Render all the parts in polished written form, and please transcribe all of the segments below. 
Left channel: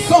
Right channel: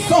100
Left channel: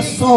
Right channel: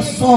100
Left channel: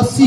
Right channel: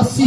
80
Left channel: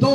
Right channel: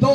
2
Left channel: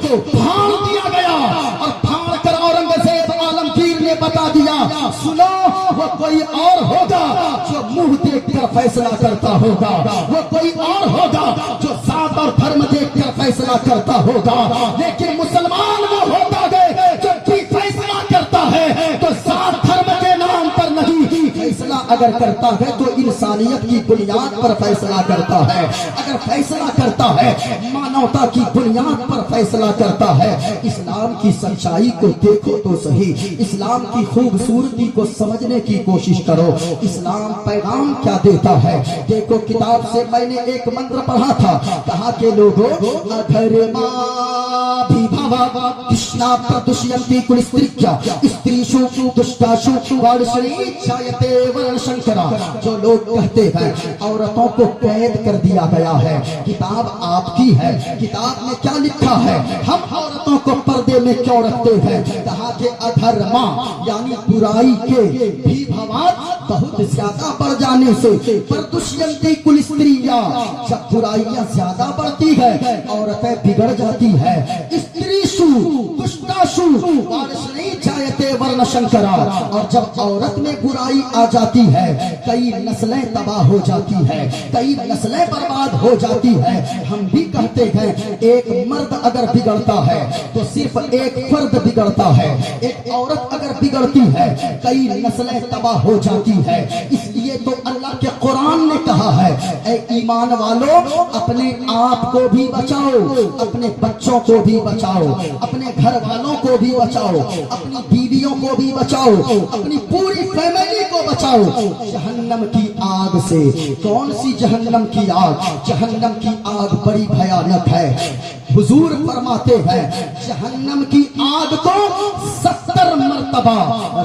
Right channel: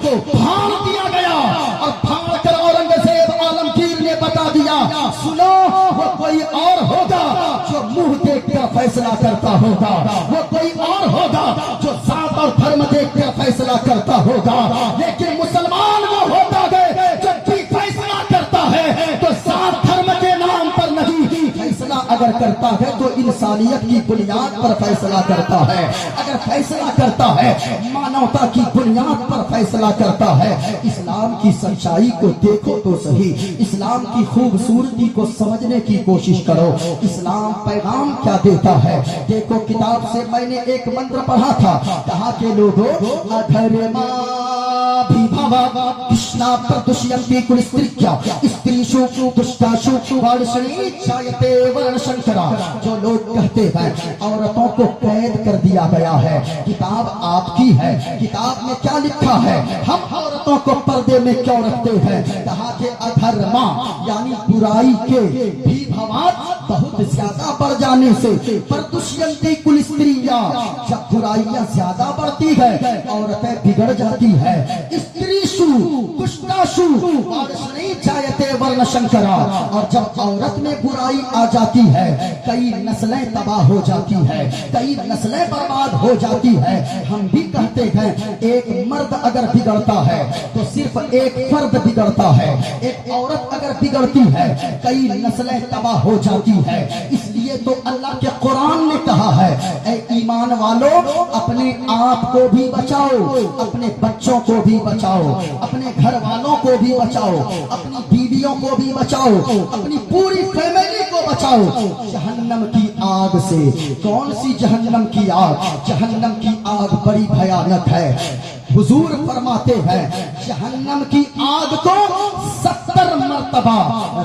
پھاڑ دیا گیا اور پھاڑ کر اورنگزیب عالمگیر نے بتا دیا سنو وہ کوئی اور ہوگا جو منہ دیکھ کر فیصلہ کرتا ہوگا، وہ کوئی اور ہوگا جو ذات اور دھرم دیکھ کر فیصلہ کرتا ہوگا، لیکن مسلمان وہ ہوتا ہے جو بھی فیصلہ کرتا ہے تو ذات دھرم کے نام پر نہیں، فیصلہ اگر کرتا ہے تو انسانیت کی بنیاد پر فیصلہ کرتا ہے، اگر فیصلہ کرتا ہے مانوتا کی بنیاد پر فیصلہ کرتا ہے۔ اسلام کی سچائی کو دیکھو تو صحیح، اسلام کی خوبصورتی کو سمجھنے کی کوشش کرو، اسلام پیغام کیا دیتا ہے۔ دیکھو کتاب سے میں نے ایک منتر پڑھا تھا، کہا کہ لوگوں کشنا پردشینتی کلستریکیا استریشو دشکاشو وارسنی چایتے ورنشنکرا، جو لوگ کہتے ہیں عورتوں کو قید کر دیا گیا ہے، کتاب آپ کی ہے، کتاب میں کیا لکھا ہے، ہم عورتوں کو پردے میں کیوں رکھتے ہیں؟ کہا کہ ادھرما یعنی برائی کے بھی بھوات بہت زیادہ بڑھ جانے سے پردشینتی کلستریا، جب برائیاں زیادہ بڑھتی ہے عورتیں بگڑ جاتی ہے، استریشو کشتاشو وارسنی چایتے ورنشنکرا، اور جب عورت میں برائی آ جاتی ہے کئی نسلیں تباہ ہو جاتی ہے، کئی نسلیں برباد ہو جاتی ہے۔ ہم بھی کہتے ہیں ایک مرد اگر بگڑتا ہے تو صرف ایک فرد بگڑتا ہے، ایک عورت اگر بگڑتی ہے کئی نسلیں تباہ ہو جاتی ہے۔ اس لیے تو اللہ کے قرآن نے کہا ہے اے ایمان والو اپنے آپ کو بھی بچاؤ، اپنے بچوں کو بھی بچاؤ، اپنے گھر والوں کو بھی بچاؤ، اپنی بیویوں کو بھی بچاؤ، اپنی پوری فیملی کو بچاؤ جہنم کی آگ سے۔ کون سی جہنم کی آگ؟ جہنم کی آگ بڑی بھیانک ہے۔ حضور فرماتے ہیں جہنم کی آگ کو 70 مرتبہ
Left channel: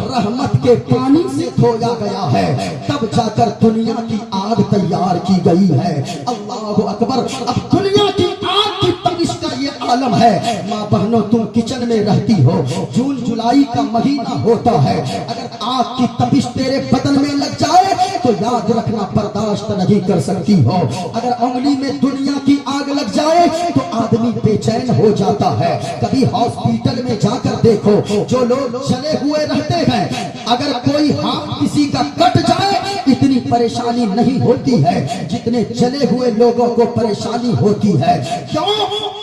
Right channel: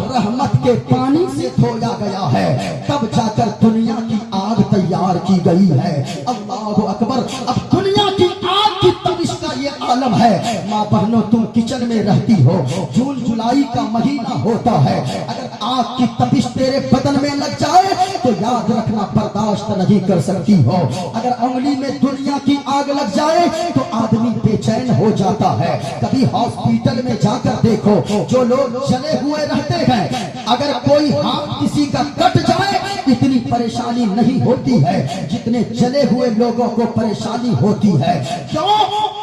رحمت کے پانی سے دھویا گیا ہے، تب جا کر دنیا کی آگ تیار کی گئی ہے۔ اللہ اکبر! اب دنیا کی آگ کی تپش کا یہ عالم ہے۔ ماں بہنوں تم کچن میں رہتی ہو، جون جولائی کا مہینہ ہوتا ہے، اگر آگ کی تپش تیرے بدن میں لگ جائے تو یاد رکھنا برداشت نہیں کر سکتی ہو۔ اگر انگلی میں دنیا کی آگ لگ جائے تو آدمی بے چین ہو جاتا ہے۔ کبھی ہاسپٹل میں جا کر دیکھو جو لوگ جلے ہوئے رہتے ہیں، اگر کوئی ہاتھ کسی کا کٹ جائے اتنی پریشانی نہیں ہوتی ہے جتنے جلے ہوئے لوگوں کو پریشانی ہوتی ہے۔ کیوں؟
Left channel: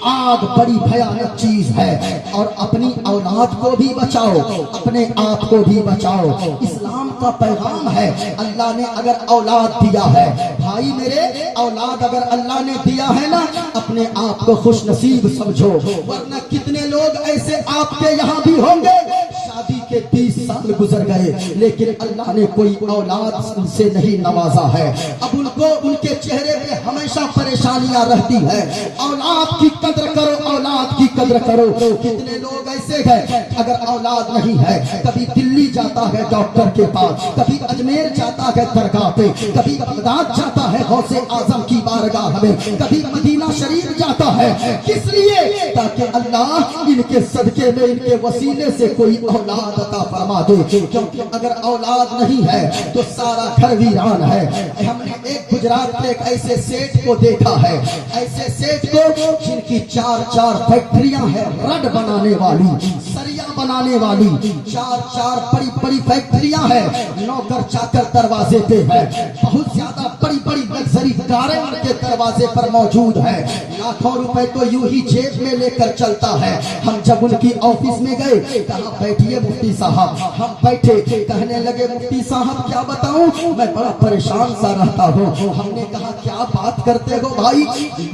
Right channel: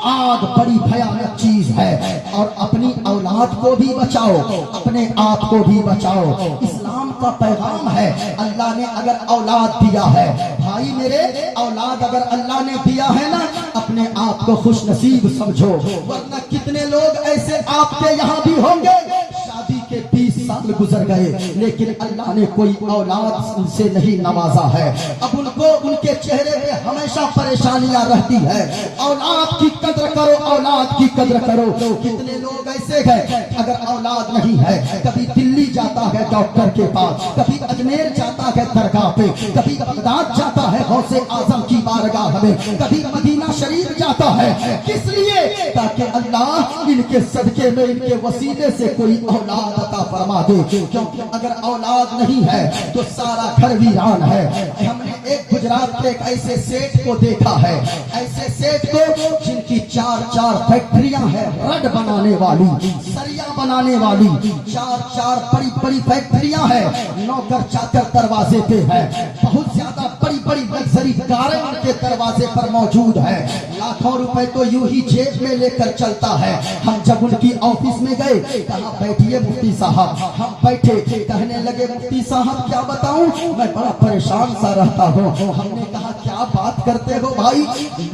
آگ بڑی بھیانک چیز ہے۔ اور اپنی اولاد کو بھی بچاؤ، اپنے آپ کو بھی بچاؤ۔ اسلام کا پیغام ہے اللہ نے اگر اولاد دیا ہے، بھائی میرے اولاد اگر اللہ نے دیا ہے نا اپنے آپ کو خوش نصیب سمجھو، ورنہ کتنے لوگ ایسے آپ کے یہاں بھی ہوں گے شادی کے 20 سال گزر گئے لیکن اللہ نے کوئی اولاد ان سے نہیں نوازا ہے، اب ان کو ان کے چہرے پہ ہمیشہ پریشانیاں رہتی ہے۔ اولاد کی قدر کرو، اولاد کی قدر کرو۔ کتنے لوگ ایسے ہیں اگر اولاد نہیں ہے کبھی دلی جاتا ہے ڈاکٹر کے پاس، کبھی اجمیر جاتا ہے درگاہ پہ، کبھی بغداد جاتا ہے غوث اعظم کی بارگاہ میں، کبھی مدینہ شریف جاتا ہے، کس لیے؟ تاکہ اللہ ان کے صدقے میں ان کے وسیلے سے کوئی اولاد عطا فرما دے، کیونکہ اگر اولاد نہیں ہے تو سارا گھر ویران ہے۔ ہم نے ایک گجرات کے ایک ایسے سیٹ کو دیکھا ہے، ایسے سیٹ کو جن کی 4 فیکٹریاں ہیں رڈ بنانے والی، سریا بنانے والی، 4 بڑی فیکٹریاں ہیں، نوکر چاکر دروازے پہ ہے، بہت زیادہ بڑی لگژری کاریں ان کے دروازے پر موجود ہے، لاکھوں روپے تو یوں ہی جیب میں لے کر چلتا ہے۔ ہم جب ان کی آفس میں گئے کہا بیٹھیے مفتی صاحب، ہم بیٹھے، کہنے لگے مفتی صاحب کیا بتاؤں میں بڑا پریشان سا رہتا ہوں۔ ہم نے کہا کیا بات کرتے ہو بھائی؟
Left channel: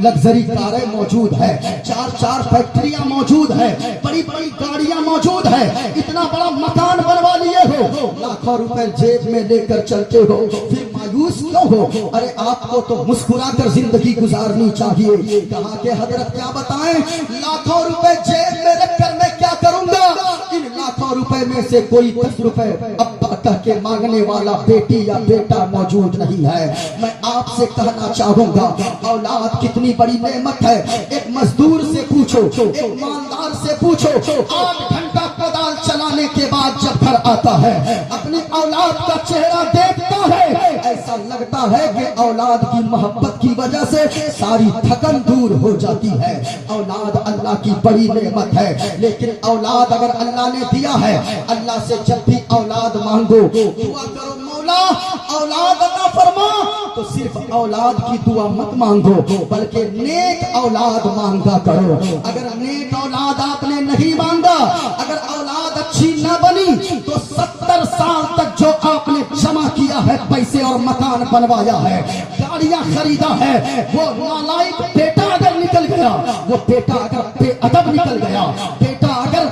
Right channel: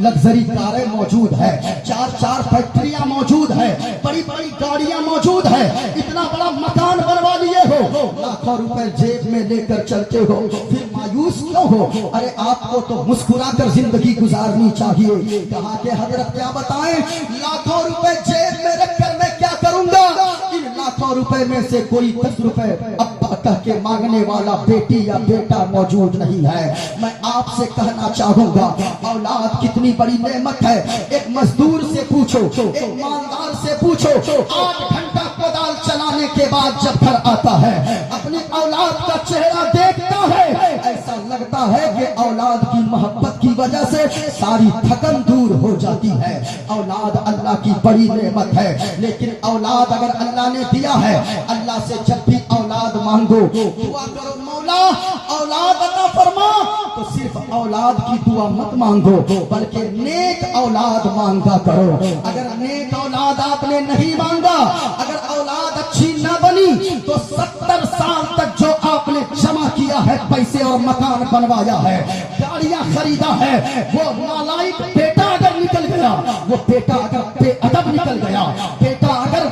لگژری کاریں موجود ہے، 4 فیکٹریاں موجود ہے، بڑی گاڑیاں موجود ہے، اتنا بڑا مکان بنوا لیے ہو، لاکھوں روپے جیب میں لے کر چلتے ہو، پھر مایوس کیوں ہو؟ ارے آپ کو تو مسکرا کر زندگی گزارنی چاہیے۔ کہا کہ حضرت کیا بتائیں، لاکھوں روپے جیب میں رکھ کر میں کیا کروں گا؟ ان لاکھوں روپے میں سے کوئی 10 روپے ابا کہہ کے مانگنے والا بیٹی یا بیٹا موجود نہیں ہے۔ میں آپ سے کہنا چاہوں گا اولاد کتنی بڑی نعمت ہے۔ ایک مزدور سے پوچھو، ایک مالدار سے پوچھو، 8 گھنٹہ کدال چلانے کے بعد جب گھر آتا ہے اپنی اولاد کا چہرہ دیکھتا ہے ایسا ایسا لگتا ہے کہ اولاد کی محبت کی وجہ سے ساری تھکن دور ہو جاتی ہے. اولاد اللہ کی بڑی نعمت ہے، لیکن اولاد اگر اللہ نے دیا ہے، اللہ سے جب بھی اولاد مانگو دعا کرو مولا اولاد عطا فرما، تو صرف اولاد کی دعا مت مانگو بلکہ نیک اولاد مانگا کرو. اگر نیک اولاد آپ نے نہیں مانگا، اگر اولاد اچھی نہ بنی، تو 70 سال تک جو آپ نے جمع کیا ہے پیسے اور مکان بنوایا ہے، گاڑیاں خریدا ہے، وہ نالائق بیٹا اگر نکل گیا، وہ بیٹا اگر بے ادب نکل گیا، بیٹا اگر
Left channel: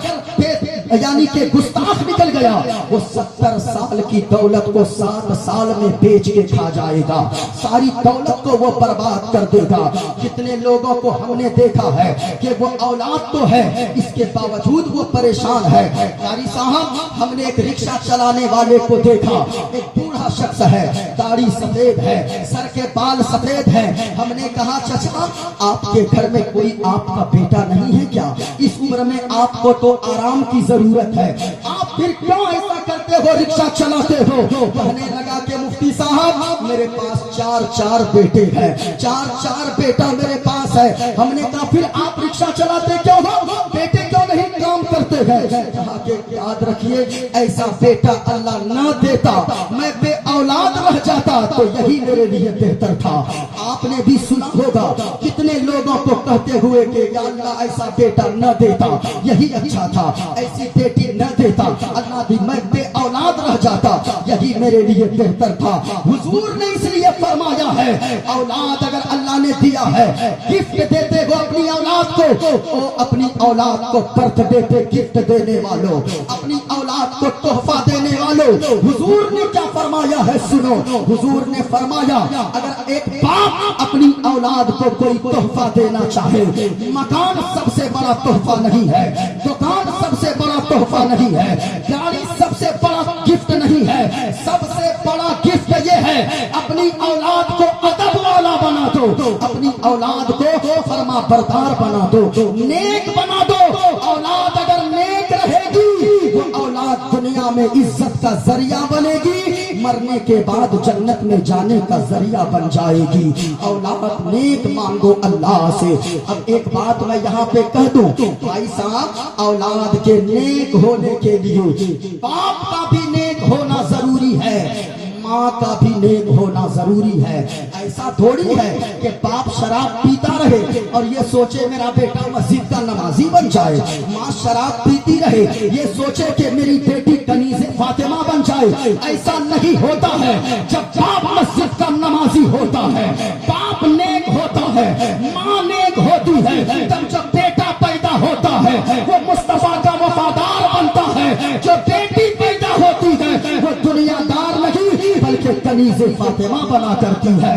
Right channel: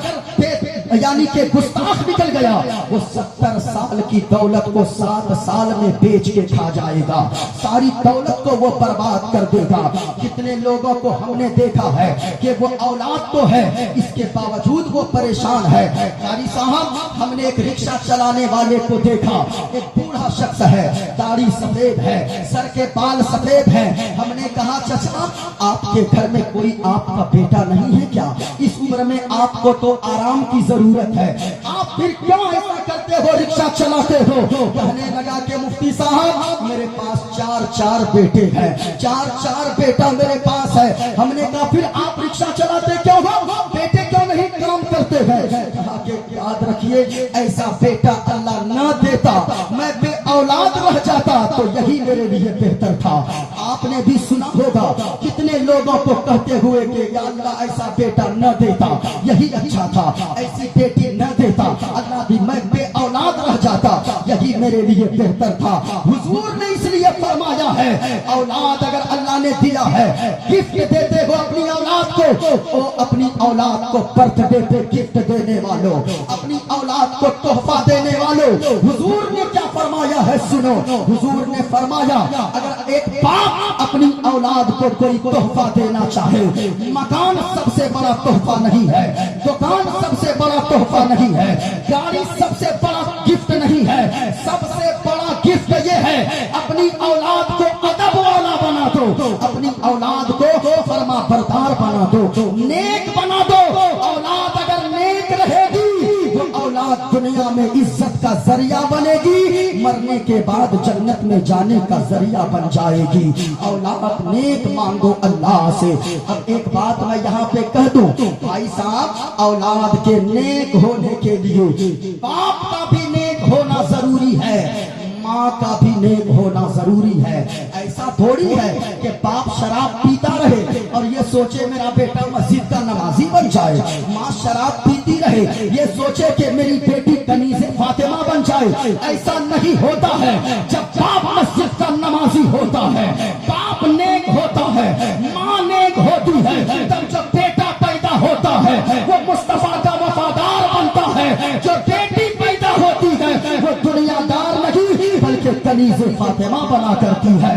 یعنی کہ گستاخ نکل گیا، وہ 70 سال کی دولت کو 7 سال میں بیچ کے کھا جائے گا، ساری دولت کو وہ برباد کر دے گا. کتنے لوگوں کو ہم نے دیکھا ہے کہ وہ اولاد تو ہے، اس کے باوجود وہ پریشان ہے. قاری صاحب، ہم نے ایک رکشہ چلانے والے کو دیکھا، ایک بوڑھا شخص ہے، داڑھی سفید ہے، سر کے بال سفید ہیں. ہم نے کہا چچا آپ کے گھر میں کوئی آپ کا بیٹا نہیں ہے کیا؟ اس عمر میں آپ کو تو آرام کی ضرورت ہے، آپ پھر کیوں ایسا کرتے ہو، رکشہ چلاتے ہو؟ کہنے لگا کہ مفتی صاحب میرے پاس 4 بیٹے ہیں، 4 بیٹا میرے پاس ہے. ہم نے کہا پھر آپ رکشہ چلاتے کیوں ہو، بیٹے کیوں نہیں کام کرتے ہیں؟ کہا کہ یاد رکھیے ایسا بیٹا اللہ نہ دیتا، میں بے اولاد رہ جاتا تو یہی میرے لیے بہتر تھا. آپ نے بھی سنا ہوگا کتنے لوگوں کو کہتے ہوئے کہ یا اللہ ایسا بیٹا نہ دیتا یہی اچھا تھا، ایسی بیٹی نہ دیتا اللہ بھی میں بے اولاد رہ جاتا یہی میرے لیے بہتر تھا. حضور نے اس لیے فرمایا ہے اولاد اگر اللہ نے دیا ہے، گفٹ دیتے ہو اپنی اولاد کو، اپنی اولاد کو برتھ ڈے پہ گفٹ دینے والوں، اپنی اولاد کو تحفہ دینے والوں، حضور نے کیا فرمایا ہے سنو. حضور نے فرمایا اگر ایک باپ اپنی اولاد کو کوئی تحفہ دینا چاہے، مکان سب سے بڑا تحفہ نہیں ہے، دکان سب سے بڑا تحفہ نہیں ہے، گاڑی سب سے بڑا گفٹ نہیں ہے، سب سے بڑا گفٹ یہ ہے اپنی اولاد کو ادب والا بنا دو، اپنی اولاد کو فرما بردار بنا دو، نیک بنا دو. اولاد اگر نیک رہے گی، وہ اولاد دنیا میں عزت کا ذریعہ بنے گی، مرنے کے بعد جنت میں جانے کا ذریعہ بن جائے گی. اولاد نیک مانگو اللہ سے. اب ایک بات میں یہاں پہ کہہ دوں بھائی صاحب، اولاد کے نیک ہونے کے لیے باپ کا بھی نیک ہونا ضروری ہے، ماں کا بھی نیک ہونا ضروری ہے. ایسا تھوڑی ہے کہ باپ شراب پیتا رہے اور یہ سوچے میرا بیٹا مسجد کا نمازی بن جائے، ماں شراب پیتی رہے یہ سوچے کہ میری بیٹی کنیز فاطمہ بن جائے. ایسا نہیں ہوتا ہے. جب باپ مسجد کا نمازی ہوتا ہے، باپ نیک ہوتا ہے، ماں نیک ہوتی ہے، تب جب بیٹا پیدا ہوتا ہے وہ مصطفیٰ کا وفادار بنتا ہے. جو بیٹی پیدا ہوتی ہے وہ دنیا دار نہیں بلکہ کنیز فاطمہ بنا کرتی ہے.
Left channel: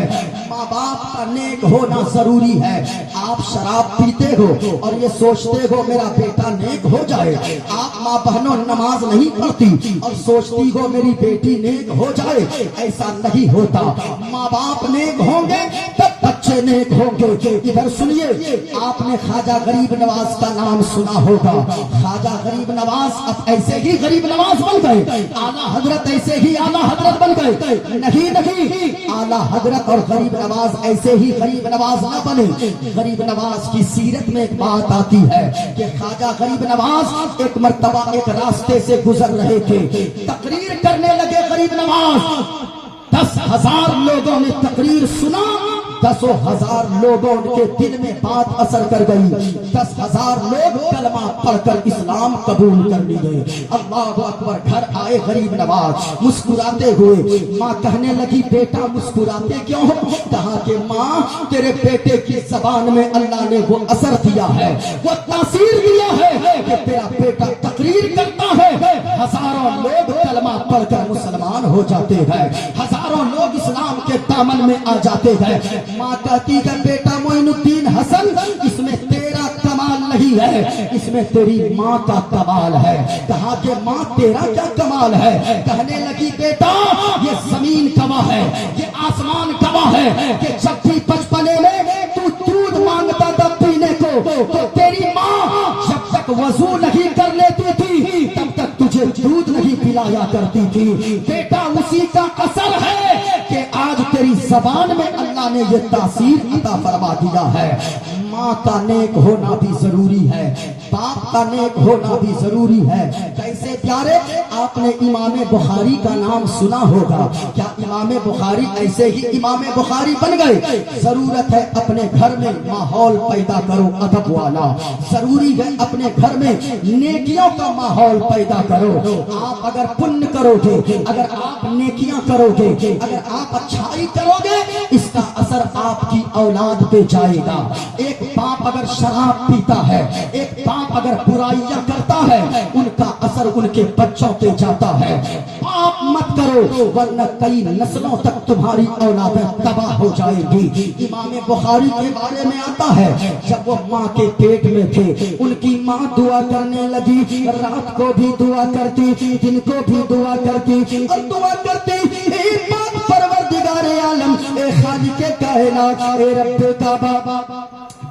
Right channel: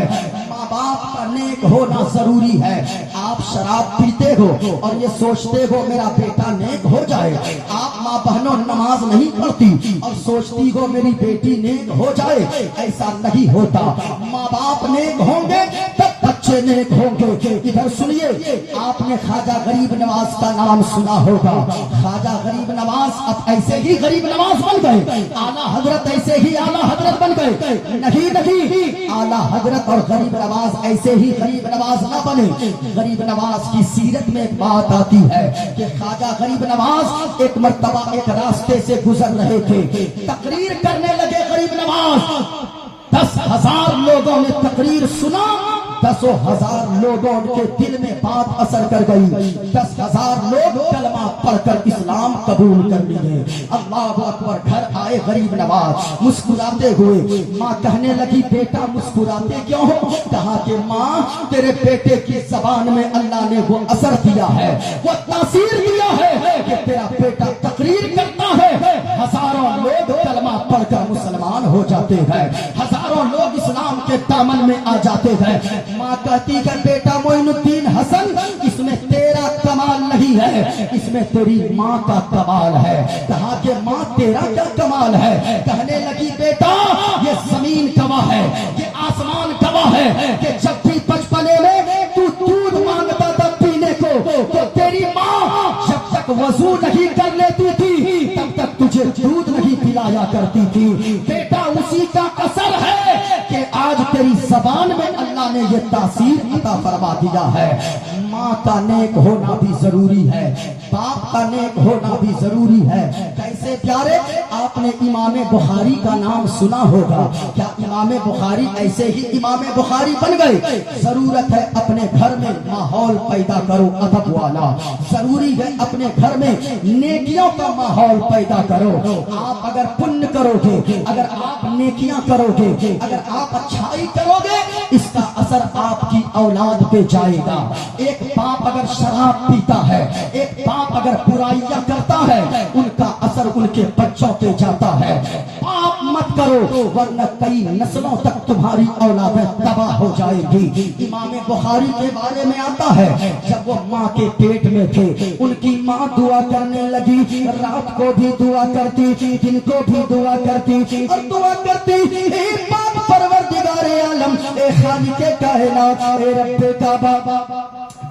ماں باپ کا نیک ہونا ضروری ہے. آپ شراب پیتے ہو اور یہ سوچتے ہو میرا بیٹا نیک ہو جائے، آپ ماں بہنوں نماز نہیں پڑھتی اور سوچتی ہو میری بیٹی نیک ہو جائے، ایسا نہیں ہوتا. ماں باپ نیک ہوں گے تب بچے نیک ہوں گے. ادھر سنیے، آپ نے خواجہ غریب نواز کا نام سنا ہوگا. خواجہ غریب نواز اب ایسے ہی غریب نواز بن گئے، اعلیٰ حضرت ایسے ہی اعلیٰ حضرت بن گئے؟ نہیں، اعلیٰ حضرت اور غریب نواز ایسے ہی غریب نواز نہ بنے. غریب نواز کی سیرت میں ایک بات آتی ہے کہ خواجہ غریب نواز ایک مرتبہ ایک راستے سے گزر رہے تھے، تقریر کرنے لگے غریب نواز. 10,000 لوگوں نے تقریر سنا، 10,000 لوگوں کے دل میں بات اثر کر گئی. 10,000 لوگ کلمہ پڑھ کر اسلام قبول کر لیے. اللہ اکبر. گھر آئے غریب نواز مسکراتے ہوئے. ماں کہنے لگی بیٹا مسکراتے کیوں ہو؟ کہا کہ ماں تیرے بیٹے کی زبان میں اللہ نے وہ اثر دیا ہے، وہ تاثیر دیا ہے کہ تیرا بیٹا تقریر کرتا ہے، ہزاروں لوگ کلمہ پڑھ کر مسلمان ہو جاتے ہیں، ہزاروں لوگ اسلام کے دامن میں آ جاتے ہیں. ماں کہتی ہے بیٹا معین الدین حسن، اس میں تیرا کمال نہیں ہے، اس میں تیری ماں کا کمال ہے. کہا کہ ماں تیرا کیا کمال ہے؟ کہنے لگی بیٹا یہ زمین گواہ ہے، یہ آسمان گواہ ہے کہ جب بھی بچپنے میں تو دودھ مانگتا تھا پینے کو تو تیری ماں جب تک وضو نہیں کر لیتی تھی تب تک تجھے دودھ نہیں پلایا کرتی تھی. بیٹا اسی کا اثر ہے کہ آج تیری زبان میں اللہ نے یہ تاثیر عطا فرما دیا ہے۔ ماں کا نیک ہونا بھی ضروری ہے، باپ کا نیک ہونا بھی ضروری ہے۔ کیسے پیارے؟ آپ نے امام بخاری کا نام سنا ہوگا، کیا امام بخاری ایسے ہی امام بخاری بن گئے؟ ضرورت ہے اپنے گھر میں ماحول پیدا کرو ادب والا، ضروری ہے اپنے گھر میں نیکیوں کا ماحول پیدا کرو۔ آپ اگر پن کرو گے، اگر آپ نیکیاں کرو گے، اگر آپ اچھائی کرو گے، اس کا اثر آپ کی اولاد پہ جائے گا۔ ایک باپ اگر شراب پیتا ہے، ایک باپ اگر برائیاں کرتا ہے، ان کا اثر ان کے بچوں پہ جاتا ہے۔ پاپ مت کرو ورنہ کئی نسلوں تک تمہاری اولادیں تباہ ہو جائے گی۔ امام بخاری کے بارے میں آتا ہے جب وہ ماں کے پیٹ میں تھے، ان کی ماں دعا کرنے لگی، رات کو بھی دعا کرتی، دن کو بھی دعا کرتی اور دعا کرتی، اے پاک پروردگار عالم، اے خالق کائنات، اے رب کعبہ،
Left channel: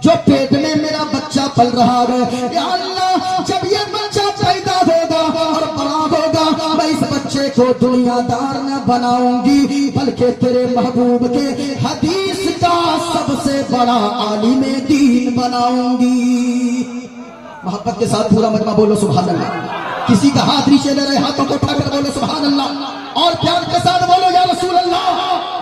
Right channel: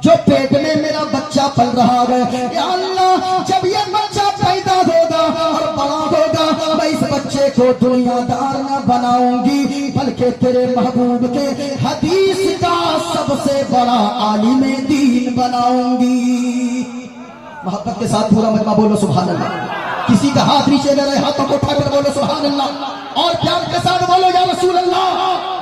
جو پیٹ میں میرا بچہ پل رہا ہے، یا اللہ جب یہ بچہ پیدا ہوگا اور بڑا ہوگا، میں اس بچے کو دنیا دار نہ بناؤں گی بلکہ تیرے محبوب کے حدیث کا سب سے بڑا عالم دین بناؤں گی۔ محبت کے ساتھ پورا مجمع بولو سبحان اللہ۔ کسی کا ہاتھ نیچے نہ رہے، ہاتھوں کو اٹھا کر بولو سبحان اللہ، اور پیار کے ساتھ بولو یا رسول اللہ۔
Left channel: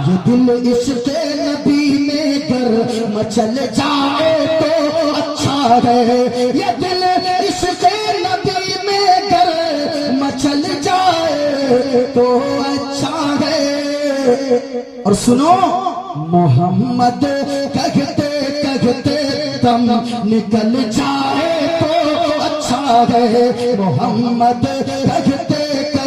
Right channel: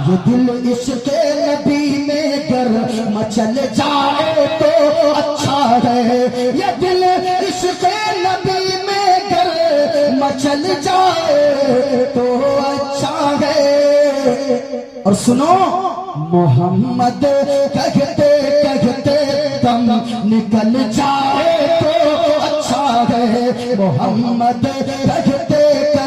یہ دل عشق نبی میں گر مچل جائے تو اچھا ہے، یہ دل عشق نبی میں گر مچل جائے تو اچھا ہے۔ اور سنو، محمد کہتے کہتے دم نکل جائے تو اچھا ہے، محمد کہتے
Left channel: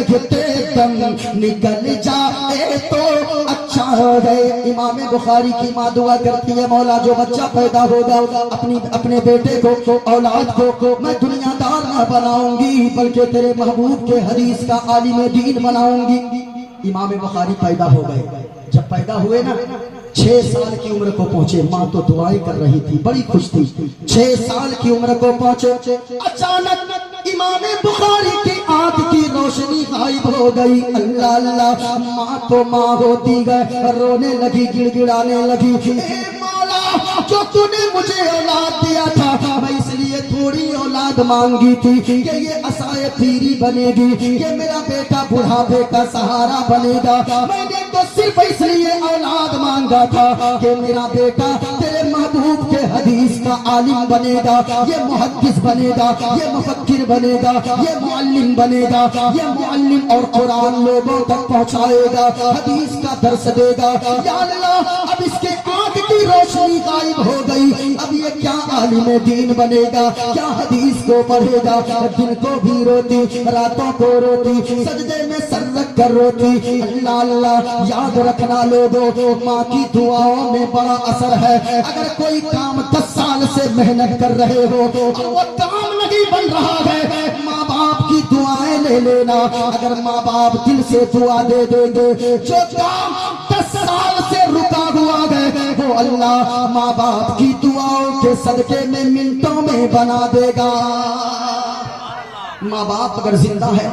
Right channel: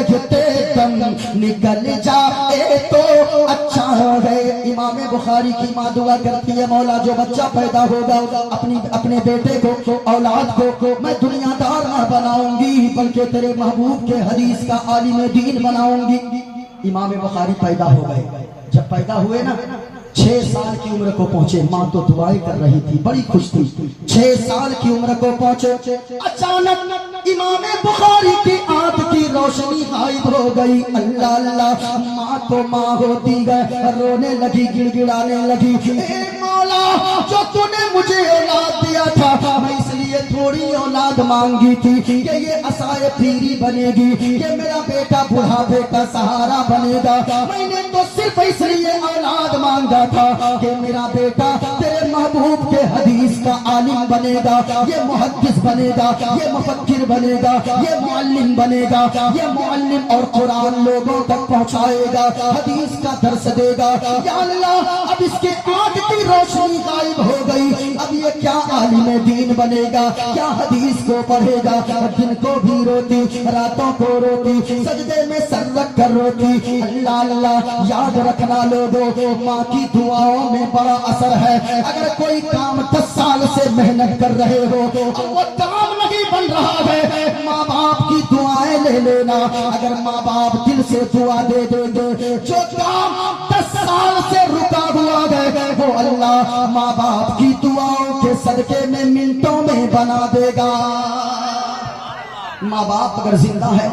کہتے دم نکل جائے تو اچھا ہے۔ امام بخاری کی ماں دعا کرتی ہے، مولا جو بچہ پیدا ہوگا اپنے بیٹے کو، اولاد کو میں دنیا دار نہ بناؤں گی بلکہ تیرے محبوب کے حدیث کا عالم دین بناؤں گی۔ امام بخاری پیدا ہو گئے، جب پیدا ہوئے نا 6 سال کی عمر کو پہنچے، ماں تو دعائیں کر رہی تھی، بڑی خوش تھی۔ 6 سال کی عمر کو پہنچے، اچانک امام بخاری کی آنکھ کی روشنی غائب ہو گئی۔ اللہ اللہ، ماں تو ماں ہوتی گئے، رونے لگی، گڑ گڑانے لگی، اے مولا جو تو نے مجھے اولاد دیا تھا، میں اس لیے تھوڑی اولاد مانگی تھی کہ یہ عصائے پیری بنے گی، یہ میرا بیٹا بڑھاپے کا سہارا بنے گا، میں نے تو صرف اس لیے اولاد مانگا تھا کہ میرا بیٹا تیرے محبوب کے حدیث کا عالم بنے گا، یہ محدث بنے گا، یہ مفکر بنے گا، یہ معلم بنے گا، یہ معلم اور قرآن لوگوں تک پہنچائے گا، حدیث کا درس دے گا۔ یا اللہ اب اس کے آنکھ کی روشنی غائب ہو گئی، اب یہ کیا عالم دین بنے گا، کیا حدیث کو پڑھے گا؟ دن کو بھی روتی، راتوں کو روتی، سجدے میں سر رکھ کر روتی۔ اللہ اللہ، یاد رکھنا لوگوں، ماں کی دعاؤں میں بڑا اثر ہے۔ اگر کوئی کام 10 سال سے محنت کر رہے ہو اور وہ کام نہیں بن رہا ہے، ماں باپ کی دعائیں لے لینا، اگر ماں باپ دل سے دعا دے دیں گے، جو کام 10 سال سے رکا ہوا ہے وہ اللہ ماں باپ کی دعاؤں کے صدقے میں منٹوں میں بنا دے گا۔ ماں باپ اگر زندہ ہے،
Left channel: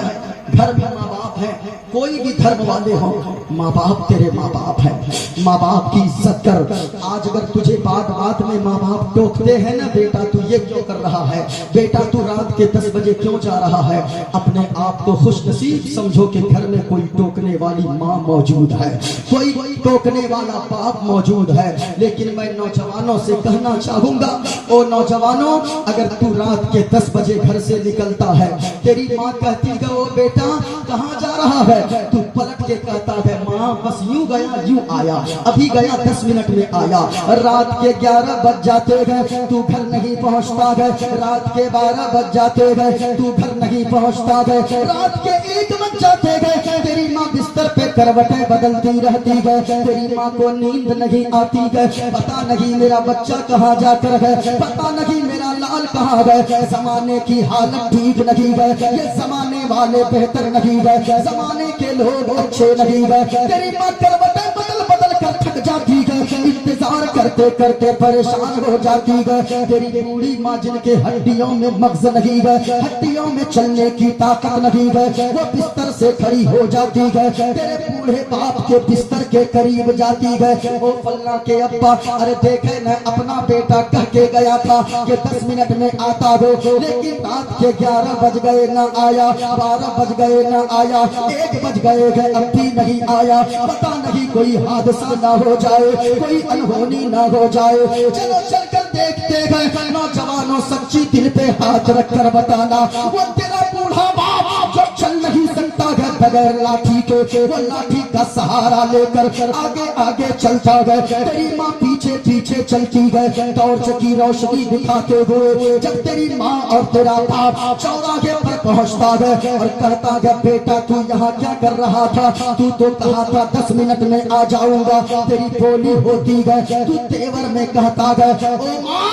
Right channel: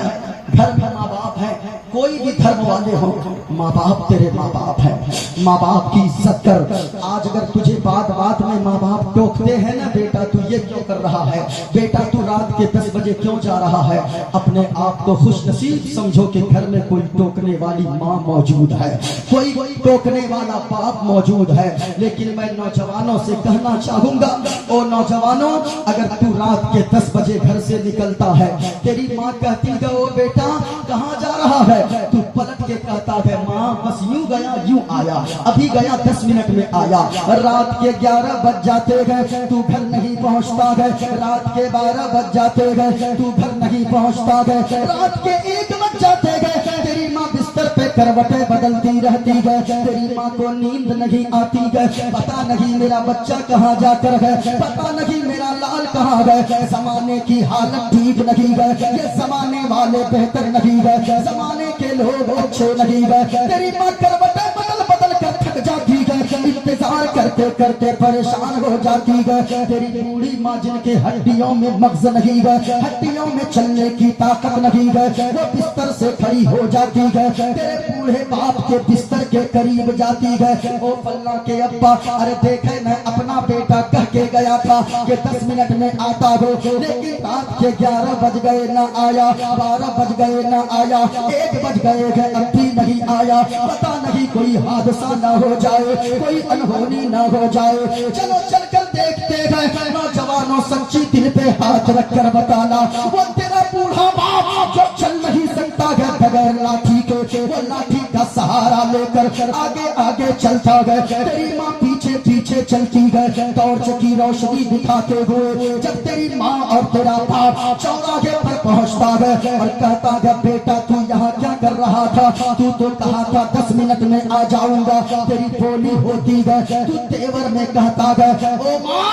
گھر میں ماں باپ ہے، کوئی بھی دھرم والے ہو، ماں باپ تیرے ماں باپ ہیں، ماں باپ کی عزت کر۔ آج اگر تجھے بات بات میں ماں باپ ٹوکتے ہیں نا، بیٹا تو یہ کیوں کر رہا ہے، بیٹا تو رات کے 10 بجے کیوں جا رہا ہے، اپنے آپ کو خوش نصیب سمجھو کہ گھر میں کوئی ٹوکنے والی ماں موجود ہے، کوئی ٹوکنے والا باپ موجود ہے۔ لیکن میں نوجوانوں سے کہنا چاہوں گا، او نوجوانوں، اگر تو رات کے 10 بجے گھر سے نکلتا ہے، تیری ماں کہتی ہے او بیٹا کہاں جا رہا ہے، تو پلٹ کے کہتا ہے ماں بس یوں گیا یوں آیا، ابھی گیا 10 منٹ میں آیا۔ رات کے 11 بج جاتے گئے تو گھر نہیں پہنچتا گئے، رات کے 12 بج جاتے گئے تو گھر نہیں پہنچتا گئے، رات کے 1 بج جاتے گئے، تیری ماں بستر پہ کروٹیں بدلتی رہتی گئے، تیری ماں کو نیند نہیں آتی گئے، پتا نہیں میرا بچہ کہاں جا کر ہے، پتا نہیں میرا لال کہاں گئے۔ زمانے کی حالت ٹھیک نہیں گئے، یہ زمانے والے بہتر نہیں گئے، زمانے کے لوگ اچھے نہیں گئے، تیری ماں کروٹیں بدل بدل کر تھک جاتی گئے، انتظار کر کرتے کرتے پریشان ہو جاتی ہے. تیری بوڑھی ماں جن کے ہڈیوں میں مغز نہیں ہے, ہڈیوں میں چلنے کی طاقت نہیں ہے, وہ بستر سے کھڑی ہو جاتی ہے. تیرے بوڑھے باپ کے بستر کے قریب جاتی ہے. او فلاں کے ابا, ارے دیکھے میں اپنا بیٹا کہہ کے گیا تھا کہ 10 منٹ میں آتا ہو, لیکن رات کے 11 بج گئے نہ آیا, 12 بج گئے نہ آیا, 1 بج گئے گئے اب بھی نہیں آیا. پتا نہیں کوئی حادثہ نہ ہو جائے, کوئی انہونی نہ ہو جائے. چلو چل کر دیکھتے گئے. نوجوانوں سچی دل پہ ہاتھ رکھ کر بتانا, وہ تیرا بوڑھا باپ جو چل نہیں سکتا ہے بغیر لاٹھی کے, وہ لاٹھی کا سہارا لے کر آگے آگے چلتا گئے. تیری ماں پیچھے پیچھے چلتی گئے ٹارچ کی روشنی دکھاتے ہوئے. جب تیری ماں اور تیرا باپ چوراہے پر پہنچتا گئے اور کہتا گیا بیٹا تو یہاں کیا کر رہا تھا, تو کہا تھا 10 منٹ میں آ جاؤں گا. تیری بولی ہوتی گئے, تو تیور میں کہتا گیا او ماں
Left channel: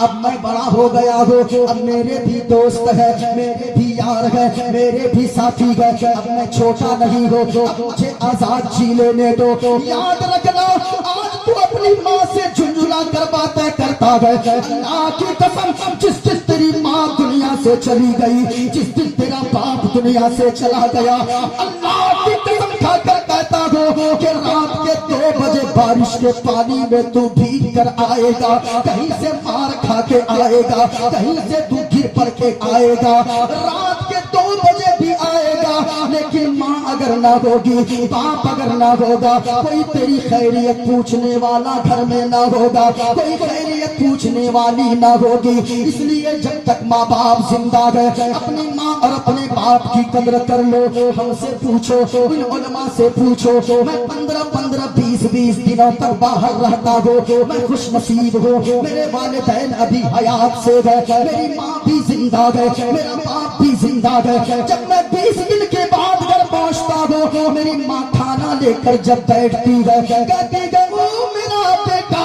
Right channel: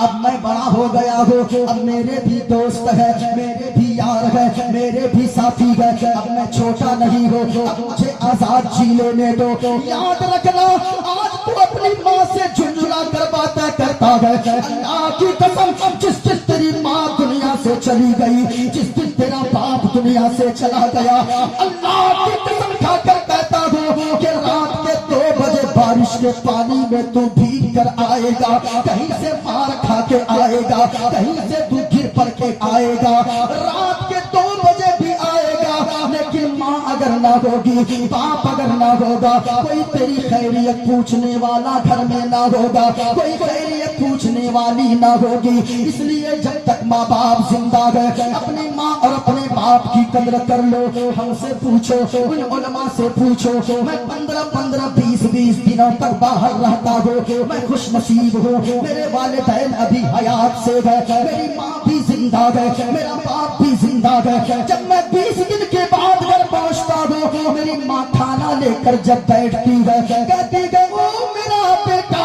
اب میں بڑا ہو گیا ہوں, اب میرے بھی دوست ہے, میرے بھی یار ہے, میرے بھی ساتھی ہے, اب میں چھوٹا نہیں ہوں, اب مجھے آزاد جی لینے دو. یاد رکھنا آج تو اپنی ماں سے جھنجھلا کرواتا کرتا ہے. اللہ کی قسم جس جس تیری ماں دنیا سے چلی گئی, جس دن تیرا باپ دنیا سے چلا گیا, اللہ کی قسم کھا کر کہتا ہوں کہ رات کے 2 بجے بارش کے پانی میں تو بھیگ کر آئے گا, کہیں سے مار کھا کے آئے گا, کہیں سے تو گر پڑ کے آئے گا, رات کے 2 بجے بھی آئے گا. لیکن ماں اگر نہ ہوگی, باپ اگر نہ ہوگا, کوئی تیری خیریت پوچھنے والا گھر میں نہ ہوگا, کوئی خیریت پوچھنے والی نہ ہوگی. اس لیے جب تک ماں باپ زندہ ہے اپنی ماں اور اپنے باپ کی قدر کر لو. ہم سے پوچھو, ان علماء سے پوچھو, میں 15 20 دنوں تک باہر رہتا ہوں, میں خوش نصیب ہوں. میرے والدین ابھی حیات سے گئے, میری ماں بھی زندہ ہے, میرا باپ بھی زندہ ہے. جب میں 20 دن کے بعد گھر پہنچتا ہوں, میری ماں کھانا لے کر جب بیٹھتی ہے کہتی ہے او میرا بیٹا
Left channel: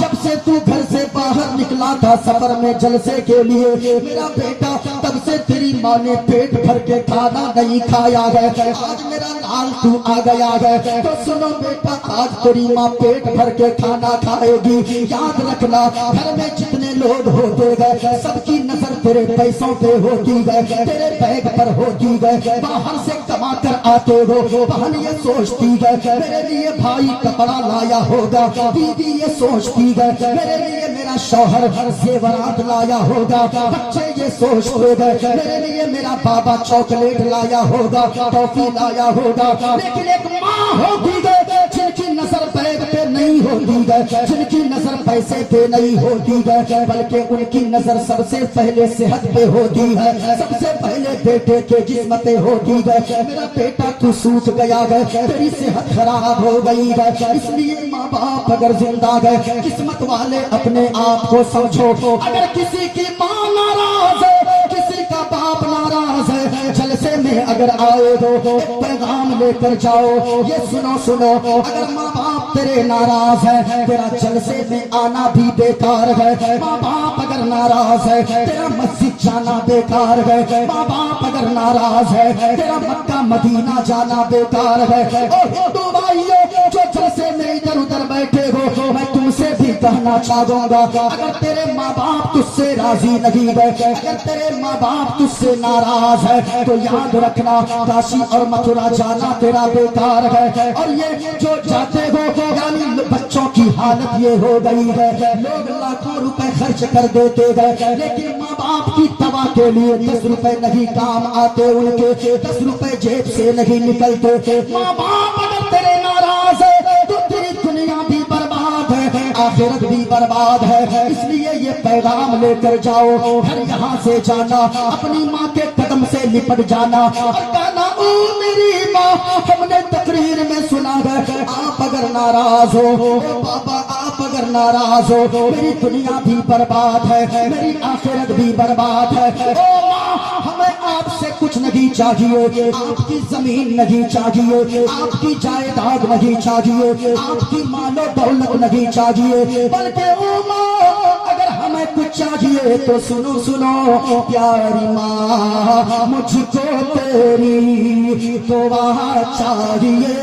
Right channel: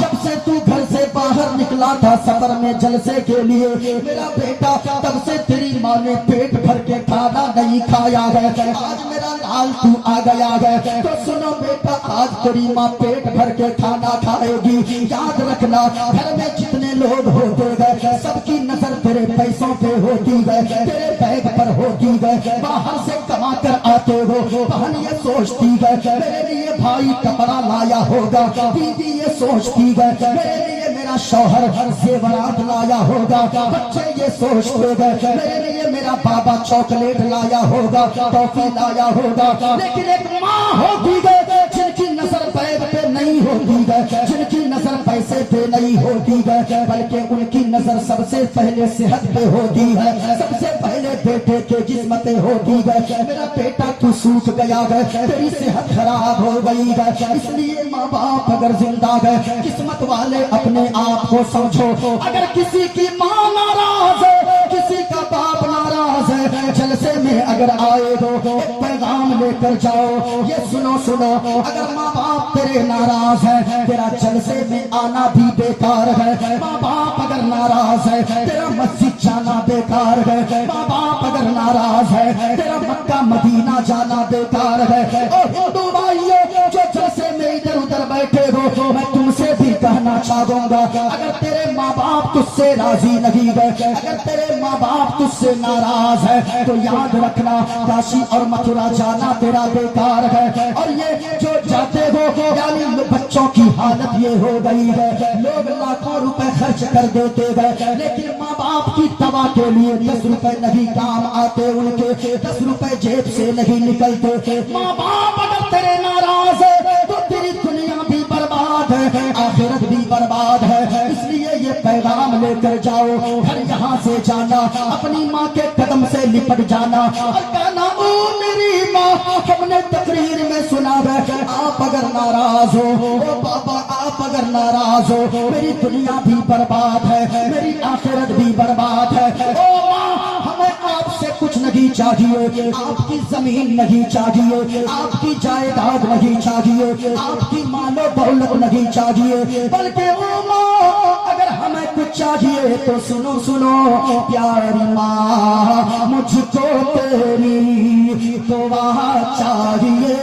جب سے تو گھر سے باہر نکلا تھا سفر میں جلسے کے لیے, میرا بیٹا تب سے تیری ماں نے پیٹ بھر کے کھانا نہیں کھایا ہے. آج میرا لال تو آ گیا ہے, تو سنو بیٹا آج تیری ماں پیٹ بھر کے کھانا کھائے گی. یاد رکھنا گھر میں جتنے لوگ ہوتے گئے سب کی نظر تیرے پیسوں پہ ہوتی گئے, تیرے بیگ پر ہوتی گئے. باہر سے کما کر آتے ہو, بہن یہ سوچتی گئے میرے لیے بھائی کپڑا لایا ہوگا, بیوی یہ سوچتی گئے میرے لیے میرا شوہر زیورات لایا ہوگا, بچے یہ سوچتے گئے میرے لیے میرا بابا چاکلیٹ لایا ہوگا, ٹافی لایا ہوگا. لیکن ایک ماں ہوتی گئے جن کی نظر بیگ پہ نہیں ہوتی گئے, جن کی نظر پیسے پہ نہیں ہوتی گئے, بلکہ ان کی نظر سب سے پہلے صحت پہ ہوتی ہے, سب سے پہلے بیٹے کے جسم پہ ہوتی ہے. میرا بیٹا تو سوکھ گیا ہے, تیری صحت خراب ہو گئی ہے. اس لیے ماں باپ اگر زندہ ہے قسمت والے اپنے آپ کو سمجھو. اگر کسی کی ماں ناراض ہے, کسی کا باپ ناراض ہے, جلسے میں اگر آئے ہو ایک پیغام لے کر جاؤ, یہ سنو اگر ماں باپ تیرے ناراض ہے تیرا جلسے میں آنا بھی بیکار ہے. ماں باپ اگر ناراض ہے تیرا مسجد جانا بیکار ہے. ماں باپ اگر ناراض ہے تیرا مکہ مدینہ جانا بیکار ہے. ہندو بھائیوں جو جلسے میں ادھر ادھر بیٹھے ہو, میں تم سے بھی کہنا چاہوں گا اگر تیرے ماں باپ تجھ سے راضی نہیں ہے, اگر تیرے ماں باپ تجھ سے ناراض ہے تو یاد رکھنا کاشی اور متھرا جانا تیرا بیکار ہے. اور یہ جو جاتے ہو یعنی بچوں کی حالت یہ ہو گئی ہے, لوگ لاکھوں روپے خرچ کر دیتے گئے لیکن ماں باپ کی دوا کے لیے 10 روپے نہیں کام آتے, ان کے 10 روپے جیب سے نہیں نکلتے. ماں باپ اگر تیرے ناراض ہے تو تیری دنیا بھی برباد ہے, آخرت بھی برباد ہے. اس لیے یہ پیغام لے کر جاؤ, ہر یہاں سے جانا اپنی ماں کے قدم سے لپٹ جانا اور کہنا او میری ماں ہم نے تقریر میں سنا ہے آپ اگر ناراض ہو, بابا آپ اگر ناراض ہو میری دنیا بھی برباد ہے, میری آخرت بھی برباد ہے. او ماں ہمیں آپ سے کچھ نہیں چاہیے, آپ کی زمین نہیں چاہیے, آپ کی جائیداد نہیں چاہیے, آپ کی مال و دولت نہیں چاہیے, بلکہ او ماں اگر ہمیں کچھ چاہیے تو سنو پیاری ماں مجھ کو تیری دعا چاہیے.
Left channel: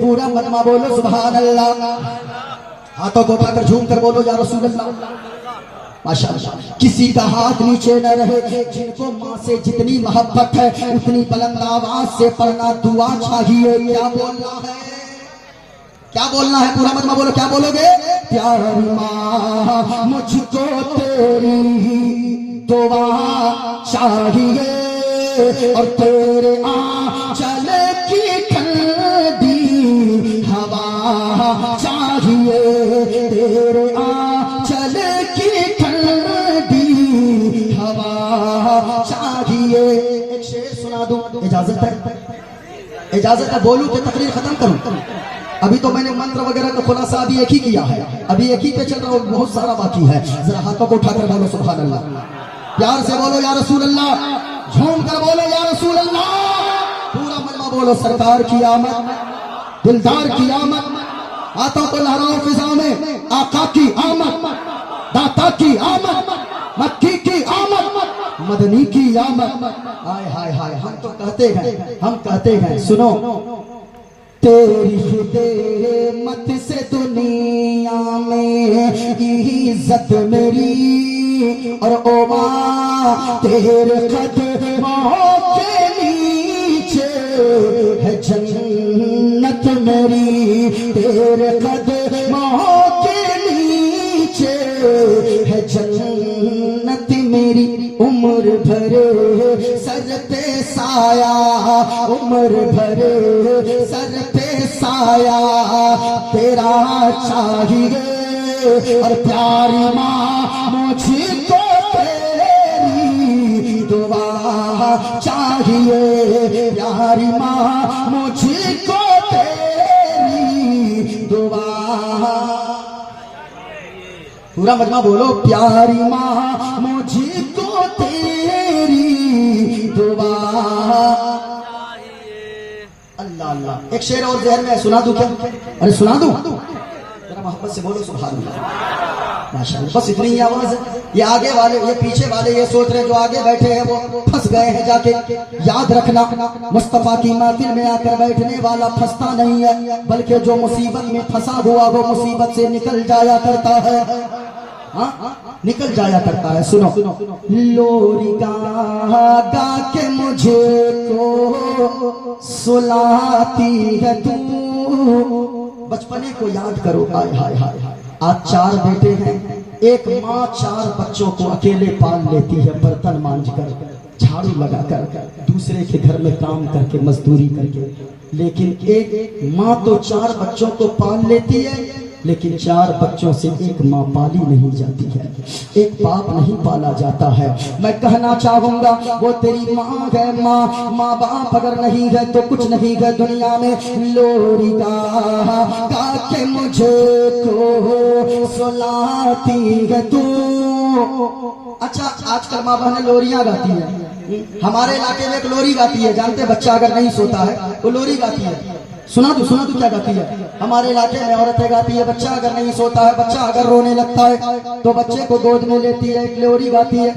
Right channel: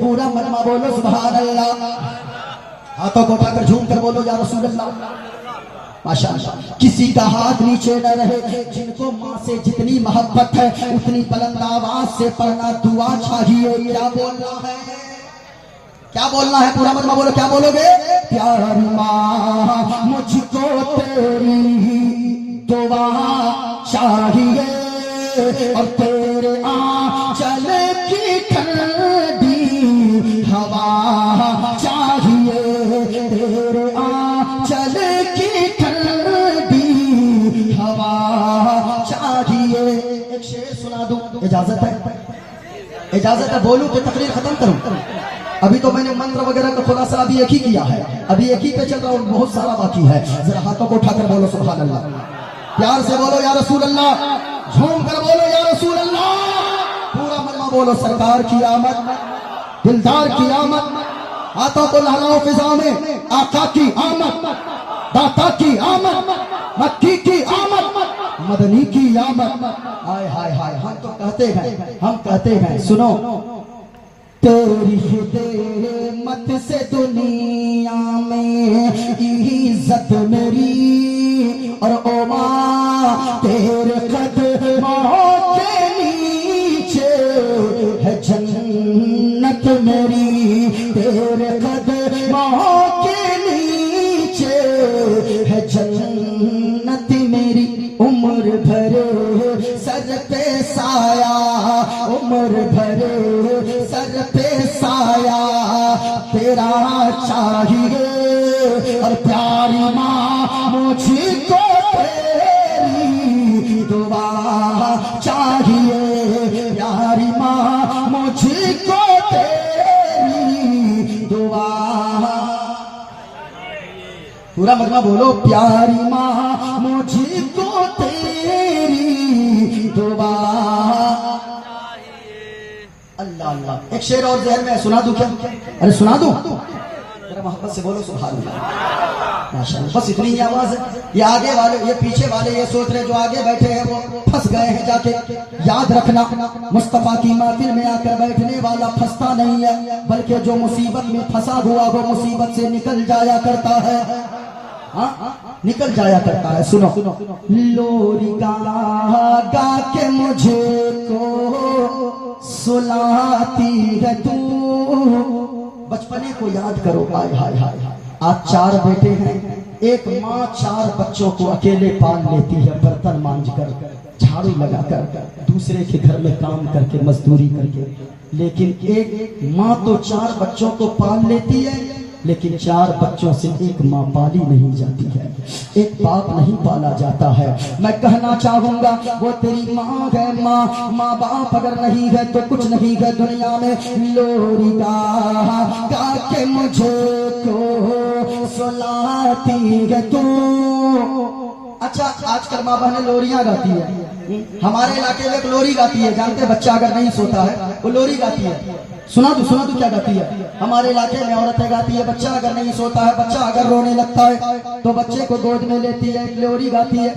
پورا مجمع بولو سبحان اللہ. ہاتھوں کو اٹھا کر جھوم کر بولو یا رسول اللہ. ماشاءاللہ. کسی کا ہاتھ نیچے نہ رہے. جن کو ماں سے جتنی محبت ہے اتنی بلند آواز سے پڑھنا دعا چاہیے. کیا بولنا ہے؟ کیا بولنا ہے؟ پورا مطلب بولو. کیا بولو گے؟ پیاری ماں مجھ کو تیری دعا چاہیے اور تیرے آنچل کی ٹھنڈی ہوا چاہیے. تیرے آنچل کی ٹھنڈی ہوا چاہیے. ایک شعر سنا دوں؟ اجازت ہے؟ اجازت ہے؟ بولوں تو تقریر ختم کروں. ابھی تو میں نے منتر وغیرہ کا خلاصہ ابھی ایک ہی کیا ہے. ابھی ایک ہی پہ چل رہا اور بہت سارا باقی ہے. ذرا ہاتھوں کو اٹھا کر بولو سبحان اللہ. پیار سے بولو یا رسول اللہ. جھوم کر بولو یا رسول اللہ. پورا مجمع بولو سرکار کی آمد، دلدار کی آمد. ہاتھوں کو لہراؤ فضا میں. آقا کی آمد، داتا کی آمد، مکی کی آمد، مدنی کی آمد. ہائے ہائے ہائے. ہم تو کہتے ہیں سنو. تیری مت سے دنیا میں عزت میری اور اوما تیرے قدموں کے نیچے ہے جنت میری. تیرے قدموں کے نیچے ہے جنت میری. عمر بھر سر پہ سایہ، عمر بھر سر پہ سایہ تیرا چاہیے اور پیاری ماں مجھ کو تیری دعا چاہیے. پیاری ماں مجھ کو تیری دعا. پورا مجمع بولو. پیاری ماں مجھ کو تیری دعا. اللہ اللہ. ایک شعر اور ذہن میں سنا دوں کیا؟ ارے سنا دوں؟ ذرا محبت سے بولو سبحان اللہ. ماشاءاللہ. بس اتنی ہی آواز ہے. یہ آگے والے، یہ پیچھے والے یہ سوچ رہے جو آگے بیٹھے ہیں وہ پھنس گئے ہیں جا کے. یاد رکھنا مصطفیٰ کی محفل میں آ کر بیٹھنے والا پھنستا نہیں ہے، بلکہ جو مصیبت میں پھنسا ہوا وہ مصیبت سے نکل جایا کرتا ہے. نکل جایا کرتا ہے. سنو. لوری گا کے مجھے کو سلاتی ہے تو. بچپنے کو یاد کرو. ہائے ہائے ہائے. آج 4 بیٹے ہیں. ایک ماں 4 بچوں کو اکیلے پال لیتی ہے، برتن مانج کر، جھاڑو لگا کر، دوسرے کے گھر میں کام کر کے، مزدوری کر کے. لیکن ایک ماں تو 4 بچوں کو پال لیتی ہے، لیکن 4 بچوں سے ایک ماں پالی نہیں جاتی ہے، ایک باپ نہیں پالا جاتا ہے. میں کہنا چاہوں گا وہ تیری ماں ہے. ماں باپ اگر نہیں ہے تو کچھ نہیں ہے دنیا میں. لوری گا کے مجھے کو سلاتی ہے تو. اچھا آج کل ماں بہنیں لوریاں گاتی ہے. ہمارے علاقے میں ایک لوری گاتی ہے. جانتے بچہ اگر نہیں سوتا ہے وہ لوری گاتی ہے. سنا تو کیا گاتی ہے؟ ہمارے علاقے میں عورتیں گاتی ہے. بچہ اگر نہیں سوتا ہے، بچہ اگر رونے لگتا ہے تو بچے کو گود میں لیتی ہے، ایک لوری گاتی ہے.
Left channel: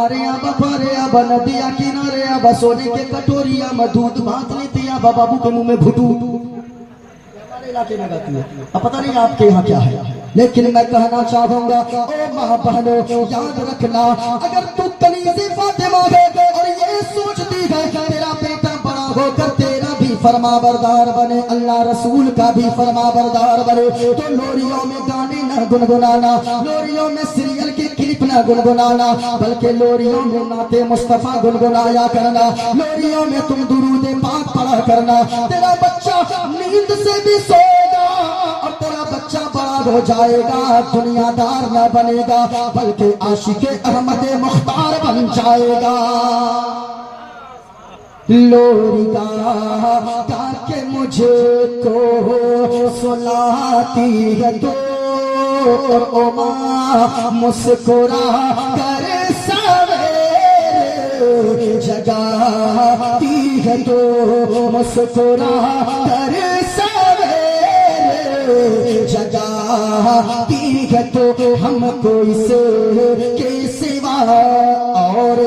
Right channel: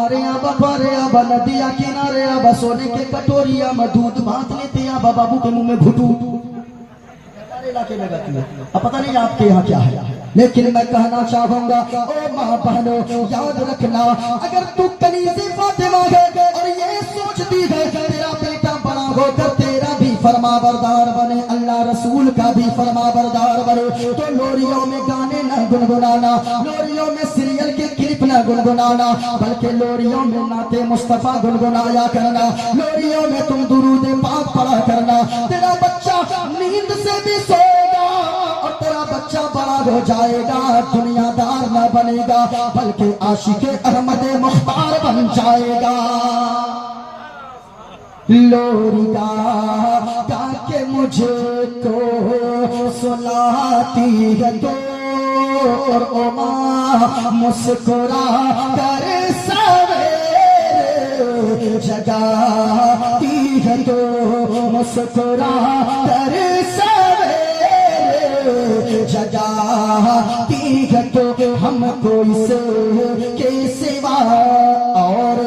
آرے ابا پارے ابا ندیا کنارے ابا سونے کے کٹوریا مدود بانٹ لیتی ابا بابو کے منہ میں بھٹو. ہمارے علاقے میں گاتی ہے. اب پتہ نہیں آپ کے یہاں کیا ہے. لیکن میں کہنا چاہوں گا اے ماں بہنوں یاد رکھنا، اگر تو کنیز فاطمہ ہے اور یہ سوچتی ہے تیرا بیٹا بڑا ہو کر تیرا بھی فرما بردار بنے، اللہ رسول کا بھی فرما بردار بنے، تو لوریوں میں گانے نہ گنگنانا، لوریوں میں سیریل کے کلپ نہ گنگنانا، بلکہ لوریوں میں نعت مصطفیٰ گنگنایا کرنا، لوریوں میں تم درود پاک پڑھا کرنا. تیرا بچہ نیند سے بھی سوئے گا اور تیرا بچہ بڑا ہو جائے گا، دنیا دار نہ بنے گا بلکہ عاشق احمد مختار بن جائے گا. لوری گا کے مجھے کو سلاتی ہے تو اور ماں مسکرا کر سویرے جگاتی ہے تو، مسکرا کر سویرے جگاتی ہے تو. ہم کو اس کے سوا اور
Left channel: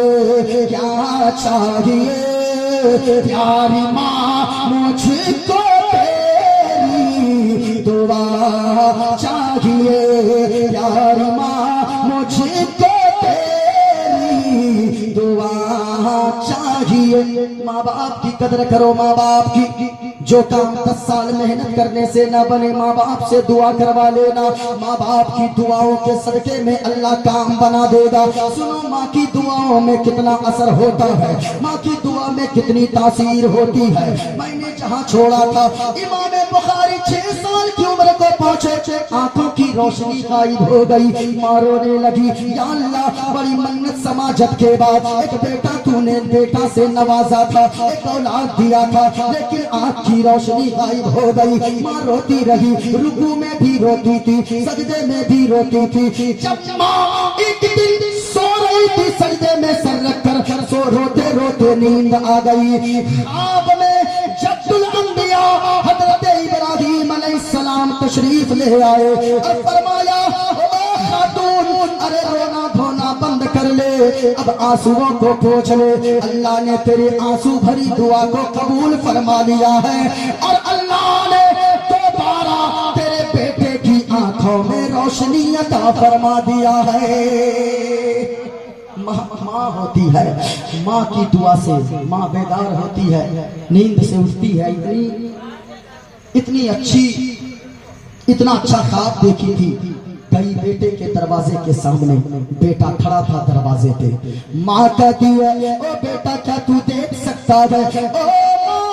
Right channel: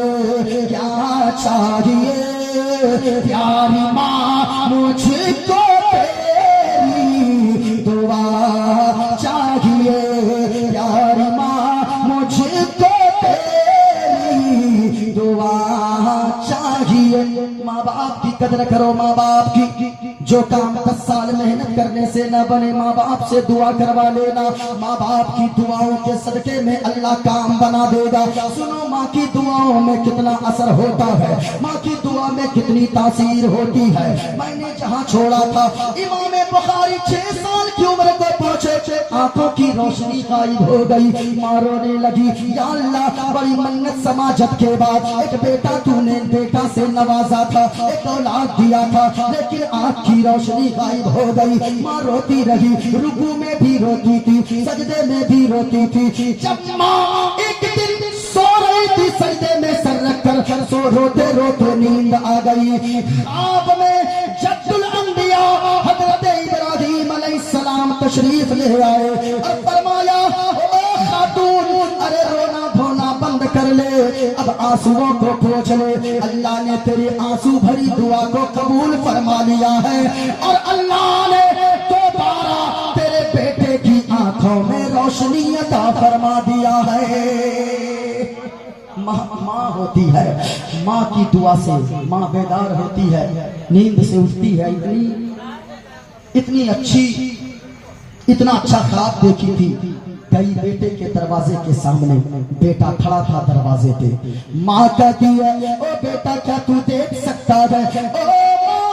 کیا چاہیے؟ پیاری ماں مجھ کو تیری دعا چاہیے. چاہیے یار ماں مجھ کو تیری دعا چاہیے. ماں باپ کی قدر کرو, ماں باپ کی. جو کام 10 سال محنت کرنے سے نہ بنے ماں باپ سے دعا کروا لینا, ماں باپ کی دعاؤں کے صدقے میں اللہ کام بنا دے گا. سنو ماں کی دعاؤں میں کتنا اثر ہوتا ہے, ماں کی دعا میں کتنی تاثیر ہوتی ہے. میں نے جہاں چھوڑا تھا امام بخاری 6 سال کی عمر کو پہنچے, آنکھوں کی روشنی غائب ہو گئی. ماں رونے لگی, یا اللہ بڑی منت سماجت کے بعد ایک بیٹا تو نے بیٹا سے نوازا تھا, ایک اولاد دیا تھا, لیکن آنکھ کی روشنی غائب ہو گئی. ماں روتی رہی, رکوع میں بھی روتی تھی, سجدے میں بھی روتی تھی. جب ماں ایک دن سو رہی تھی سجدے میں سر رکھ کر, سو روتے روتے نیند آ گئی. آپ میں جد الانبیاء حضرت ابراہیم علیہ السلام تشریف لے آئے اور فرمایا, خاتون ارے رونا دھونا بند کر لے, اب آنسوؤں کو پوچھ لے. اللہ نے تیری آنسو بھری دعا کو قبول فرما لیا ہے, اور اللہ نے دوبارہ تیرے بیٹے کی آنکھوں میں روشنی عطا فرما دیا ہے. ماں ہوتی ہے, ماں کی دعا سے ماں بیدار ہوتی ہے, نیند سے اٹھتی ہے. اتنی اچھی, اتنا اچھا خواب دیکھی تھی. کئی بیٹے کے دروازے کے سامنے بیٹا کھڑا تھا دروازے پہ. ماں کہتی ہے, او بیٹا کیا تو دیکھ سکتا ہے؟ او ماں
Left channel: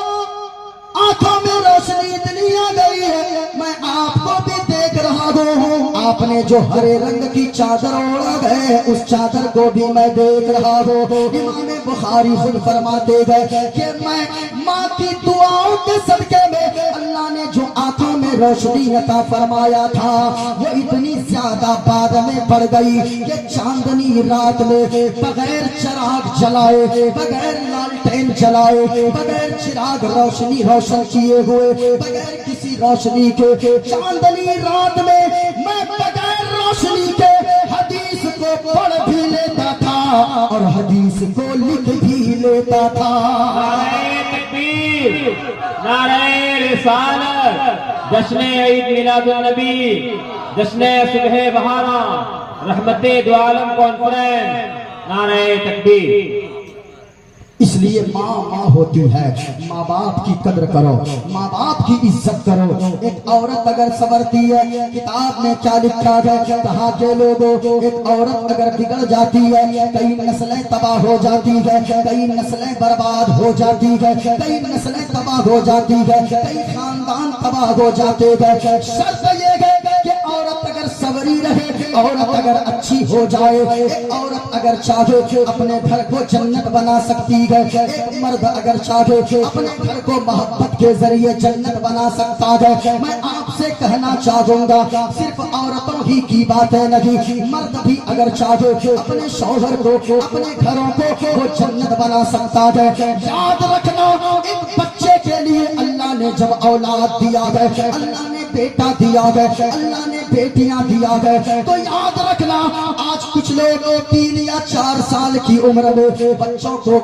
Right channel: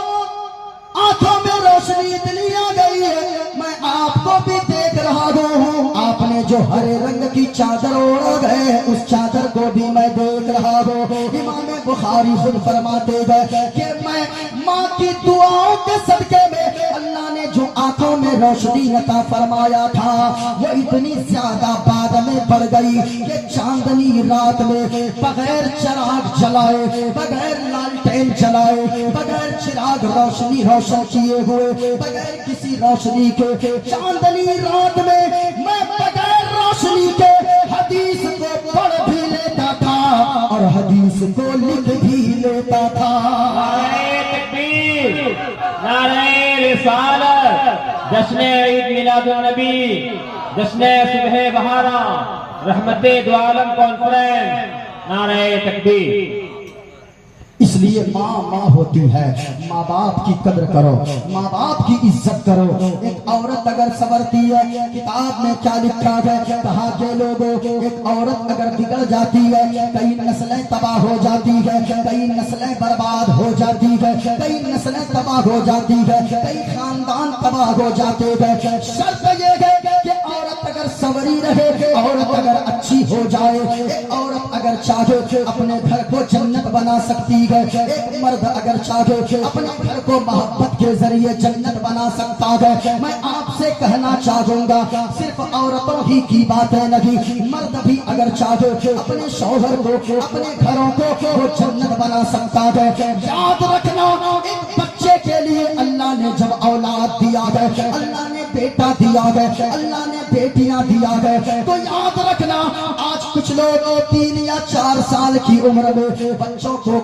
آنکھوں میں روشنی اتنی آ گئی ہے, میں آپ کو بھی دیکھ رہا ہوں. آپ نے جو ہرے رنگ کی چادر اوڑھ گئے اس چادر کو بھی میں دیکھ رہا ہوں. امام بخاری خود فرماتے گئے کہ میں ماں کی دعاؤں کے صدقے میں اللہ نے جو آنکھوں میں روشنی عطا فرمایا تھا وہ اتنی زیادہ بعد میں پڑ گئی کہ چاندنی رات میں بغیر چراغ جلائے, بغیر لالٹین جلائے, بغیر چراغ روشنی روشن کیے ہوئے, بغیر کسی روشنی کے چاندنی رات میں بغیر روشنی کے حدیث کو پڑھ بھی لیتا تھا اور حدیث کو لکھ بھی لیتا تھا. نعرہ تکبیر, نعرہ رسالت, جشن عید میلاد النبی, جشن صبح بہارا, رحمت دو عالم کانفرنس. نعرہ تکبیر. اس لیے ماں ہوتی ہے, ماں باپ کی قدر کرو, ماں باپ کی عزت کرو. ایک عورت اگر سنورتی ہے, کتاب میں کیا لکھا ہے, کہا کہ لوگوں ایک عورت اگر بگڑ جاتی ہے کئی نسلیں تباہ ہو جاتی ہے, کئی نسلیں برباد ہو جاتی ہے, کئی نسلیں تباہ ہو جاتی ہے, کئی خاندان تباہ ہو جاتے ہیں. شرط یہ ہے کہ عورت اگر سوری رہے, عورت اگر اچھی ہو جائے, ایک عورت اگر چاہے اپنے گھر کو جنت بنا سکتی ہے, ایک مرد اگر چاہے اپنے گھر کو محبت کے ذریعے جنت بنا سکتا ہے. میں آپ سے کہنا چاہوں گا صرف عورتوں ہی کی باتیں نہیں, مرد بھی اگر چاہے اپنے شوہر کو, اپنے گھروں کو وہ جنت بنا سکتا ہے. یاد رکھنا, ایک بچے کے لیے اللہ نے جب اولاد دیا ہے, اللہ نے بیٹا دیا ہے, اللہ نے بیٹیاں دیا ہے, تو یاد رکھنا آج کچھ لوگ 3 یا 4 سال کی عمر میں بچوں کو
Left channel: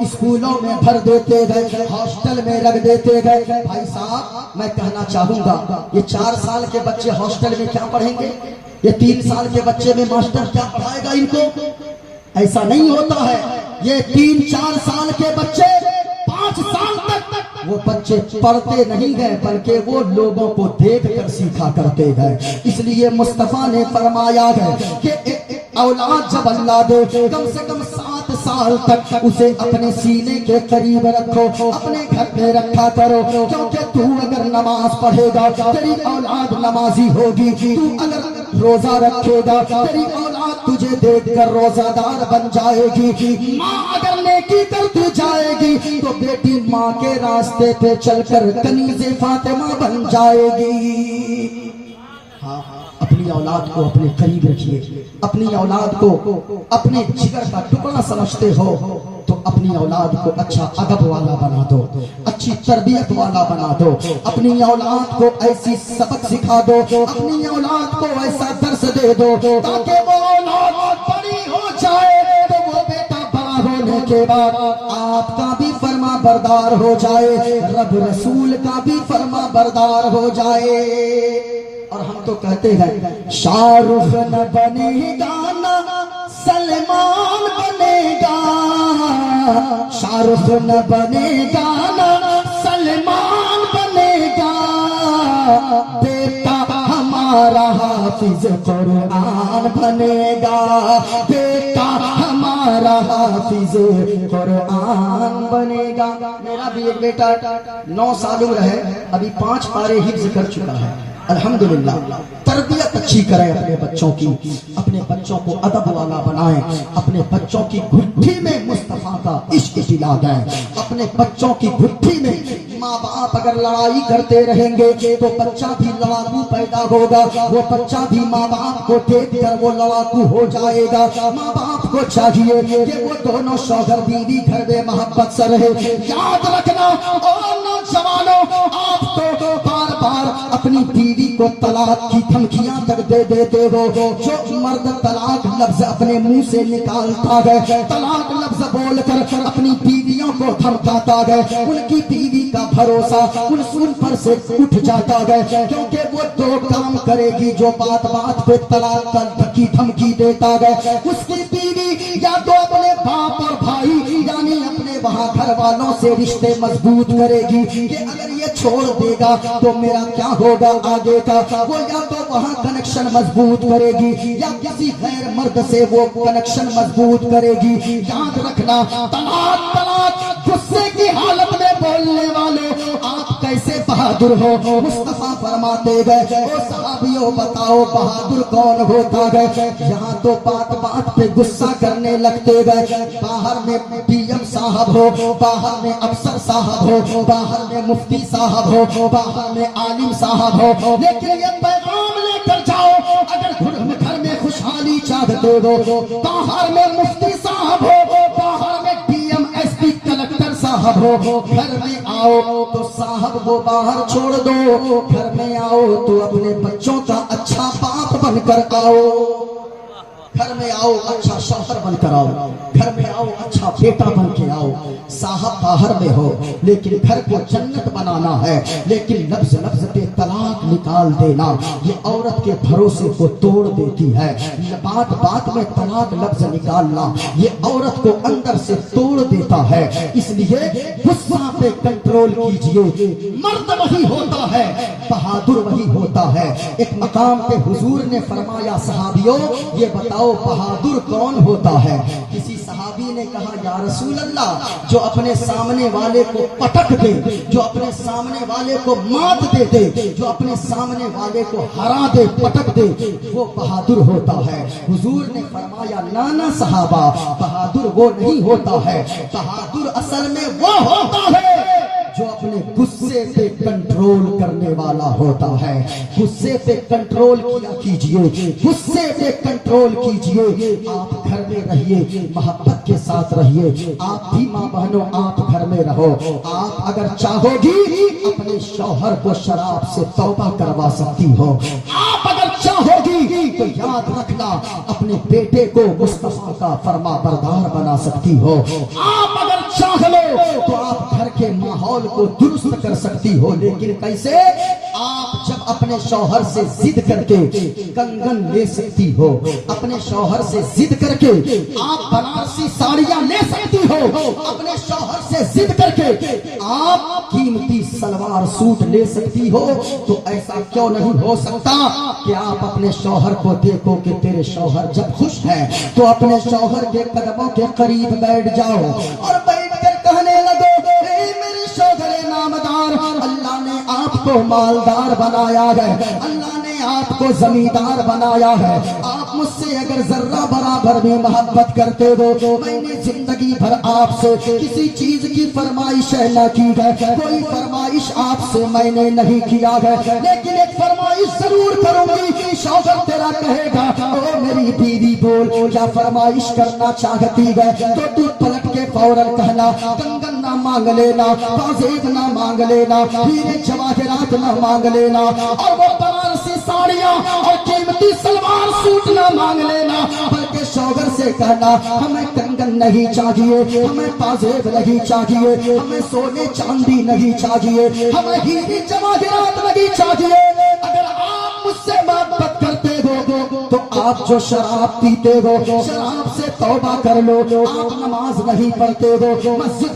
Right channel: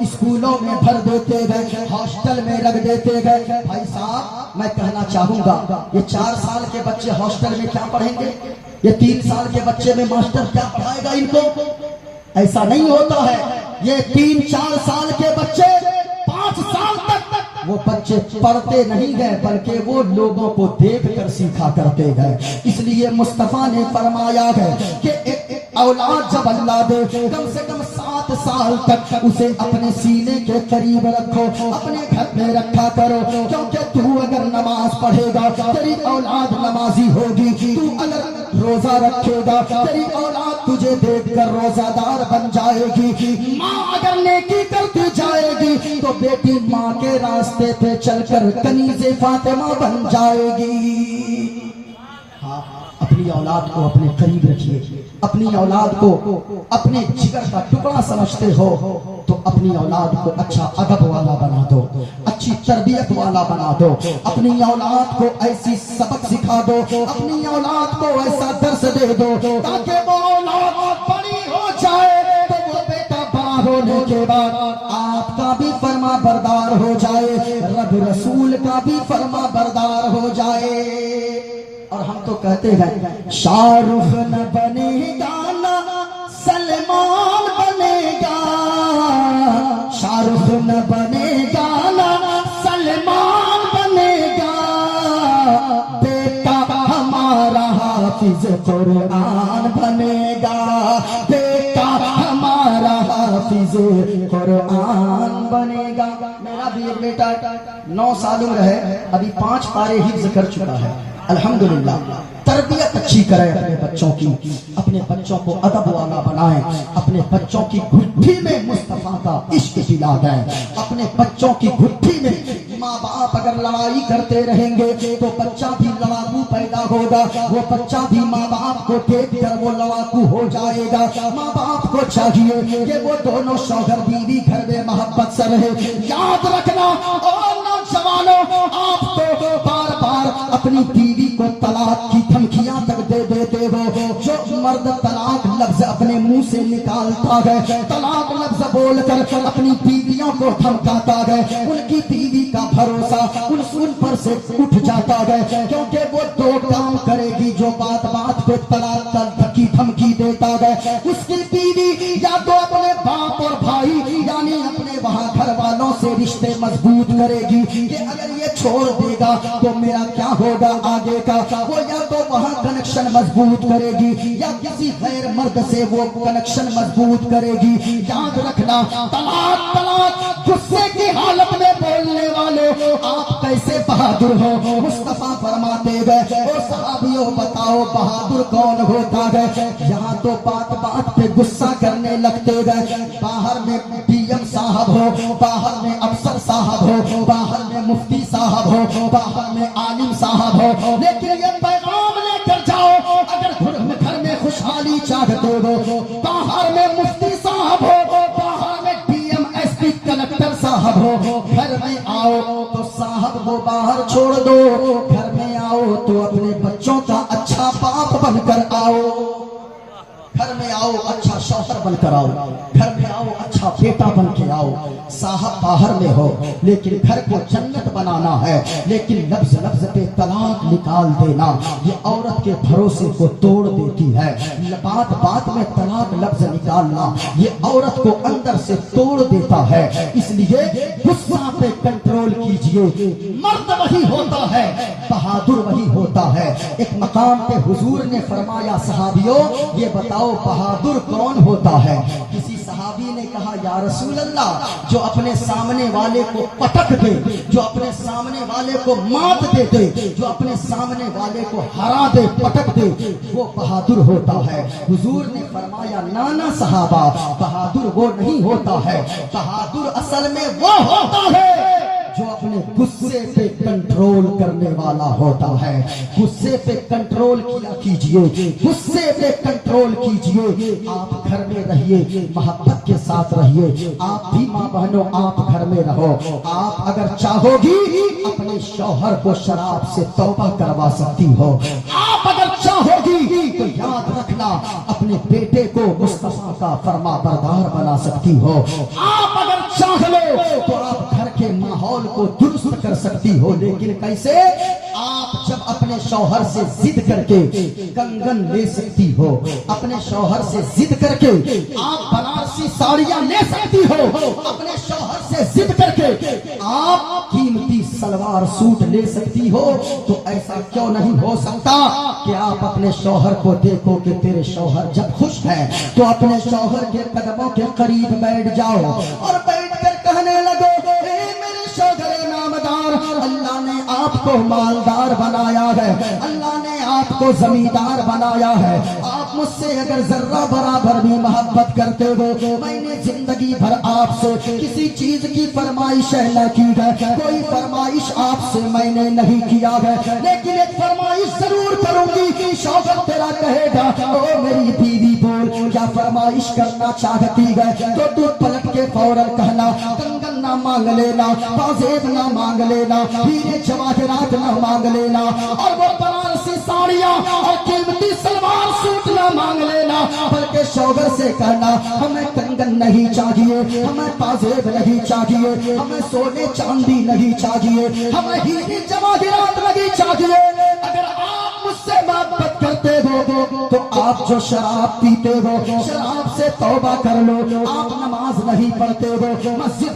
اسکولوں میں بھر دیتے گئے, ہاسٹل میں رکھ دیتے گئے. بھائی صاحب میں کہنا چاہوں گا یہ 4 سال کے بچے ہاسٹل میں کیا پڑھیں گے, یہ 3 سال کے بچے میں ماسٹر کیا پڑھائے گا ان کو؟ ایسا نہیں ہوتا ہے. یہ 3-4 سال کے بچے 5 سال تک وہ بچے پڑھتے نہیں گئے بلکہ وہ لوگوں کو دیکھ کر سیکھا کرتے گئے. اس لیے مصطفیٰ نے فرمایا ہے کہ اولاد جب اللہ دے کم سے کم 7 سال تک اسے اپنے سینے کے قریب رکھو, اپنے گھر میں رکھا کرو, کیونکہ تو اگر نماز پڑھے گا تیری اولاد نمازی ہوگی, تو اگر روزہ رکھے گا تیری اولاد تجھے دیکھ کر روزہ دار بن جائے گی. ماں اگر نیکی کرتی جائے گی تو بیٹی ماں کے راستے پہ چل کر کنیز فاطمہ بن جائے گی. اپنی اولاد کو اپنے قریب رکھیے, اپنی اولاد کو اپنے جگر کا ٹکڑا سمجھتے ہو تو اپنی اولاد کو اچھا ادب والا بنا دو, اچھی تربیت والا بنا دو, اپنی اولاد کو ایسی سبق سکھا دو, اپنی اولاد کو ایسا درس دے دو تاکہ وہ اولاد بڑی ہو جائے تو وہ بیٹا بڑا ہونے کے بعد آپ کا بھی فرما بردار ہو جائے, رب رسول کا بھی فرما بردار ہو جائے. اور ہم تو کہتے ہیں شاہ رخ نہ بنے گا نہ سلمان بنے گا، شاہ رخ نہ بنے گا نہ سلمان بنے گا، بیٹا ہمارا حافظ قرآن بنے گا، بیٹا ہمارا حافظ قرآن بنے گا۔ میرا بھی ایک بیٹا 9 سال عمر ہے، ابھی 5 پارے حفظ کر چکا ہے الحمدللہ۔ تربیت اچھی کریں اپنے بچوں کی، اپنے بچوں کو ادب والا بنائیں، اپنے بچوں کی گھٹی میں مصطفیٰ کا عشق دلا دیں، اپنے بچوں کی گھٹی میں ماں باپ اگر لڑائی کرتے رہیں گے تو بچہ بھی لڑاکو پیدا ہوگا، وہ بچہ بھی ماں باپ کو دیکھ کر وہ لڑاکو ہو جائے گا۔ ماں باپ کو چاہیے کہ وہ دونوں شوہر بیوی گھر میں محبت سے رہے۔ یاد رکھنا اور نوجوانوں، آپ تو بار بار اپنی بیوی کو طلاق کی دھمکیاں تک دے دیتے ہو۔ جو مرد طلاق لفظ اپنے منہ سے نکالتا ہے، طلاق لفظ بول کر اپنی بیویوں کو دھمکاتا ہے، ان کی بیوی کا بھروسہ ان پر سے اٹھ جاتا ہے، کیونکہ وہ 2 کام کرے گی جو بات بات پہ طلاق کی دھمکی دیتا ہے۔ اس کی بیوی یا تو اپنے باپ اور بھائی یعنی اپنے وہاں گھر والوں سے رشتے مضبوط کرے گی کہ اگر یہ چھوڑ دے گا تو میرا کیا ہوگا آگے کا، وہ یا تو وہاں کنیکشن مضبوط کرے گی یا کسی غیر مرد سے وہ کنیکشن مضبوط کرے گی۔ یاد رکھنا طلاق طلاق غصے کی حالت میں بولنے والے آپ کیسے بہادر ہو؟ مصطفیٰ فرماتے گئے او صحابیوں بتاؤ بہادر کون ہوتا ہے؟ یہاں تو بات بات پہ غصہ کرنے لگتے گئے، باہر میں پی ایم صاحب ہو، باہر میں افسر صاحب ہو، باہر میں مفتی صاحب ہو، باہر میں عالم صاحب ہو، لیکن یہ پیغام لے کر جاؤ اگر گھر میں خوشحالی چاہتے ہو، باہر میں مفتی صاحب ہو، باہر میں D M S P collector صاحب ہو، گھر میں آؤ تو صاحب کو باہر چھوڑ دو، گھر میں آؤ تو اپنے بچوں کا اچھا باپ بن کر آؤ، گھر میں آؤ اچھا شوہر بن کر آؤ، گھر میں آؤ اچھا بیٹا بن کے آؤ۔ صاحب باہر میں ہو لیکن گھر کو جنت بنانا ہے، لیکن لفظ لفظ پہ طلاق نکال دینا یہ عورت کے بھروسے کو توڑ دیتی ہے۔ بات بات میں طلاق لفظ نکالنا یہ عورت کو اندر سے توڑ دیتا ہے۔ اس لیے غصہ پہ کنٹرول کیجئے، مرد وہی ہوتا ہے، بہادر وہی ہوتا ہے۔ ایک مقام پہ حضور نے فرمایا صحابیوں یہ بتاؤ بہادر کون ہوتا ہے؟ کسی صحابی نے کہا یا رسول اللہ جو اپنے سامنے والے کو پٹک دے، جو اپنے سامنے والے کو مات دے دے، جو اپنے سامنے والے کو ہرا دے پٹک دے وہ بہادر ہوتا ہے۔ حضور نے فرمایا نانا صحابہ بہادر وہ نہیں ہوتا ہے، بہادر اصل میں وہ ہوتا ہے جو اپنے غصے پہ کنٹرول کرنے والا ہوتا ہے۔ غصے پہ کنٹرول کیا کیجئے، غصے پہ کنٹرول کیجئے۔ آپ گھر میں رہیے، محبت کے ساتھ رہیے، آپ بھی ماں بہنوں آپ گھر میں رہو۔ آپ اگر چاہو گی اپنے شوہر کو شراب سے توبہ کروا سکتی ہو، آپ اگر چاہو گی تو یاد رکھنا اپنے بیٹے کو مصطفیٰ کا فرما بردار بنا سکتی ہو، آپ اگر چاہ لو تو آپ گھر کے ماحول کو درست کر سکتی ہو۔ لیکن کیسے؟ آپ جب اپنے شوہر سے ضد کر کے کنگن لے سکتی ہو، اپنے شوہر سے ضد کر کے آپ بنارسی ساڑیاں لے سکتی ہو، اپنے شوہر سے ضد کر کے آپ قیمتی سلوار سوٹ لے سکتی ہو، تو ایسا کیوں نہیں ہو سکتا کہ آپ اپنے شوہر کو دیکھو کہ تیرے شوہر جب خوش ہیں تو اپنے شوہر کے قدموں کے قریب بیٹھ جاؤ اور بیٹھ کر کہنے لگو اے میرے شوہر نامدار، اللہ نے آپ کو مالدار بنایا ہے، اللہ نے آپ کو زمیندار بنایا ہے، آپ مجھ سے اگر ذرہ برابر بھی محبت کرتے ہو تو میں نے زندگی بھر آپ سے کسی چیز کی فرمائش نہ کی ہے، کوئی فرمائش آپ سے میں نے نہیں کیا ہے، لیکن ایک فرمائش ضرور کروں گی۔ شوہر تیرا کہے گا او میری بیوی بول کیا فرمائش کرنا چاہتی ہے تو تو پلٹ کے فوراً کہنا کنگن نہ مانگ لینا، پازیب نہ مانگ لینا، ہیرے جواہرات نہ مانگ لینا، اور وہ بنارسی ساڑیاں اور قیمتی سلوار سوٹ نہ مانگ لینا، بلکہ شوہر سے کہنا ہمیں کنگن نہیں چاہیے، ہمیں پازیب نہیں چاہیے، ہمیں سونے چاندی نہیں چاہیے، ہمیں ہیرے جواہرات نہیں چاہیے۔ اگر آپ مجھ آپ جو شراب پیتے ہو شراب سے توبہ کر لو. آپ نماز نہیں پڑھتے ہو مسجد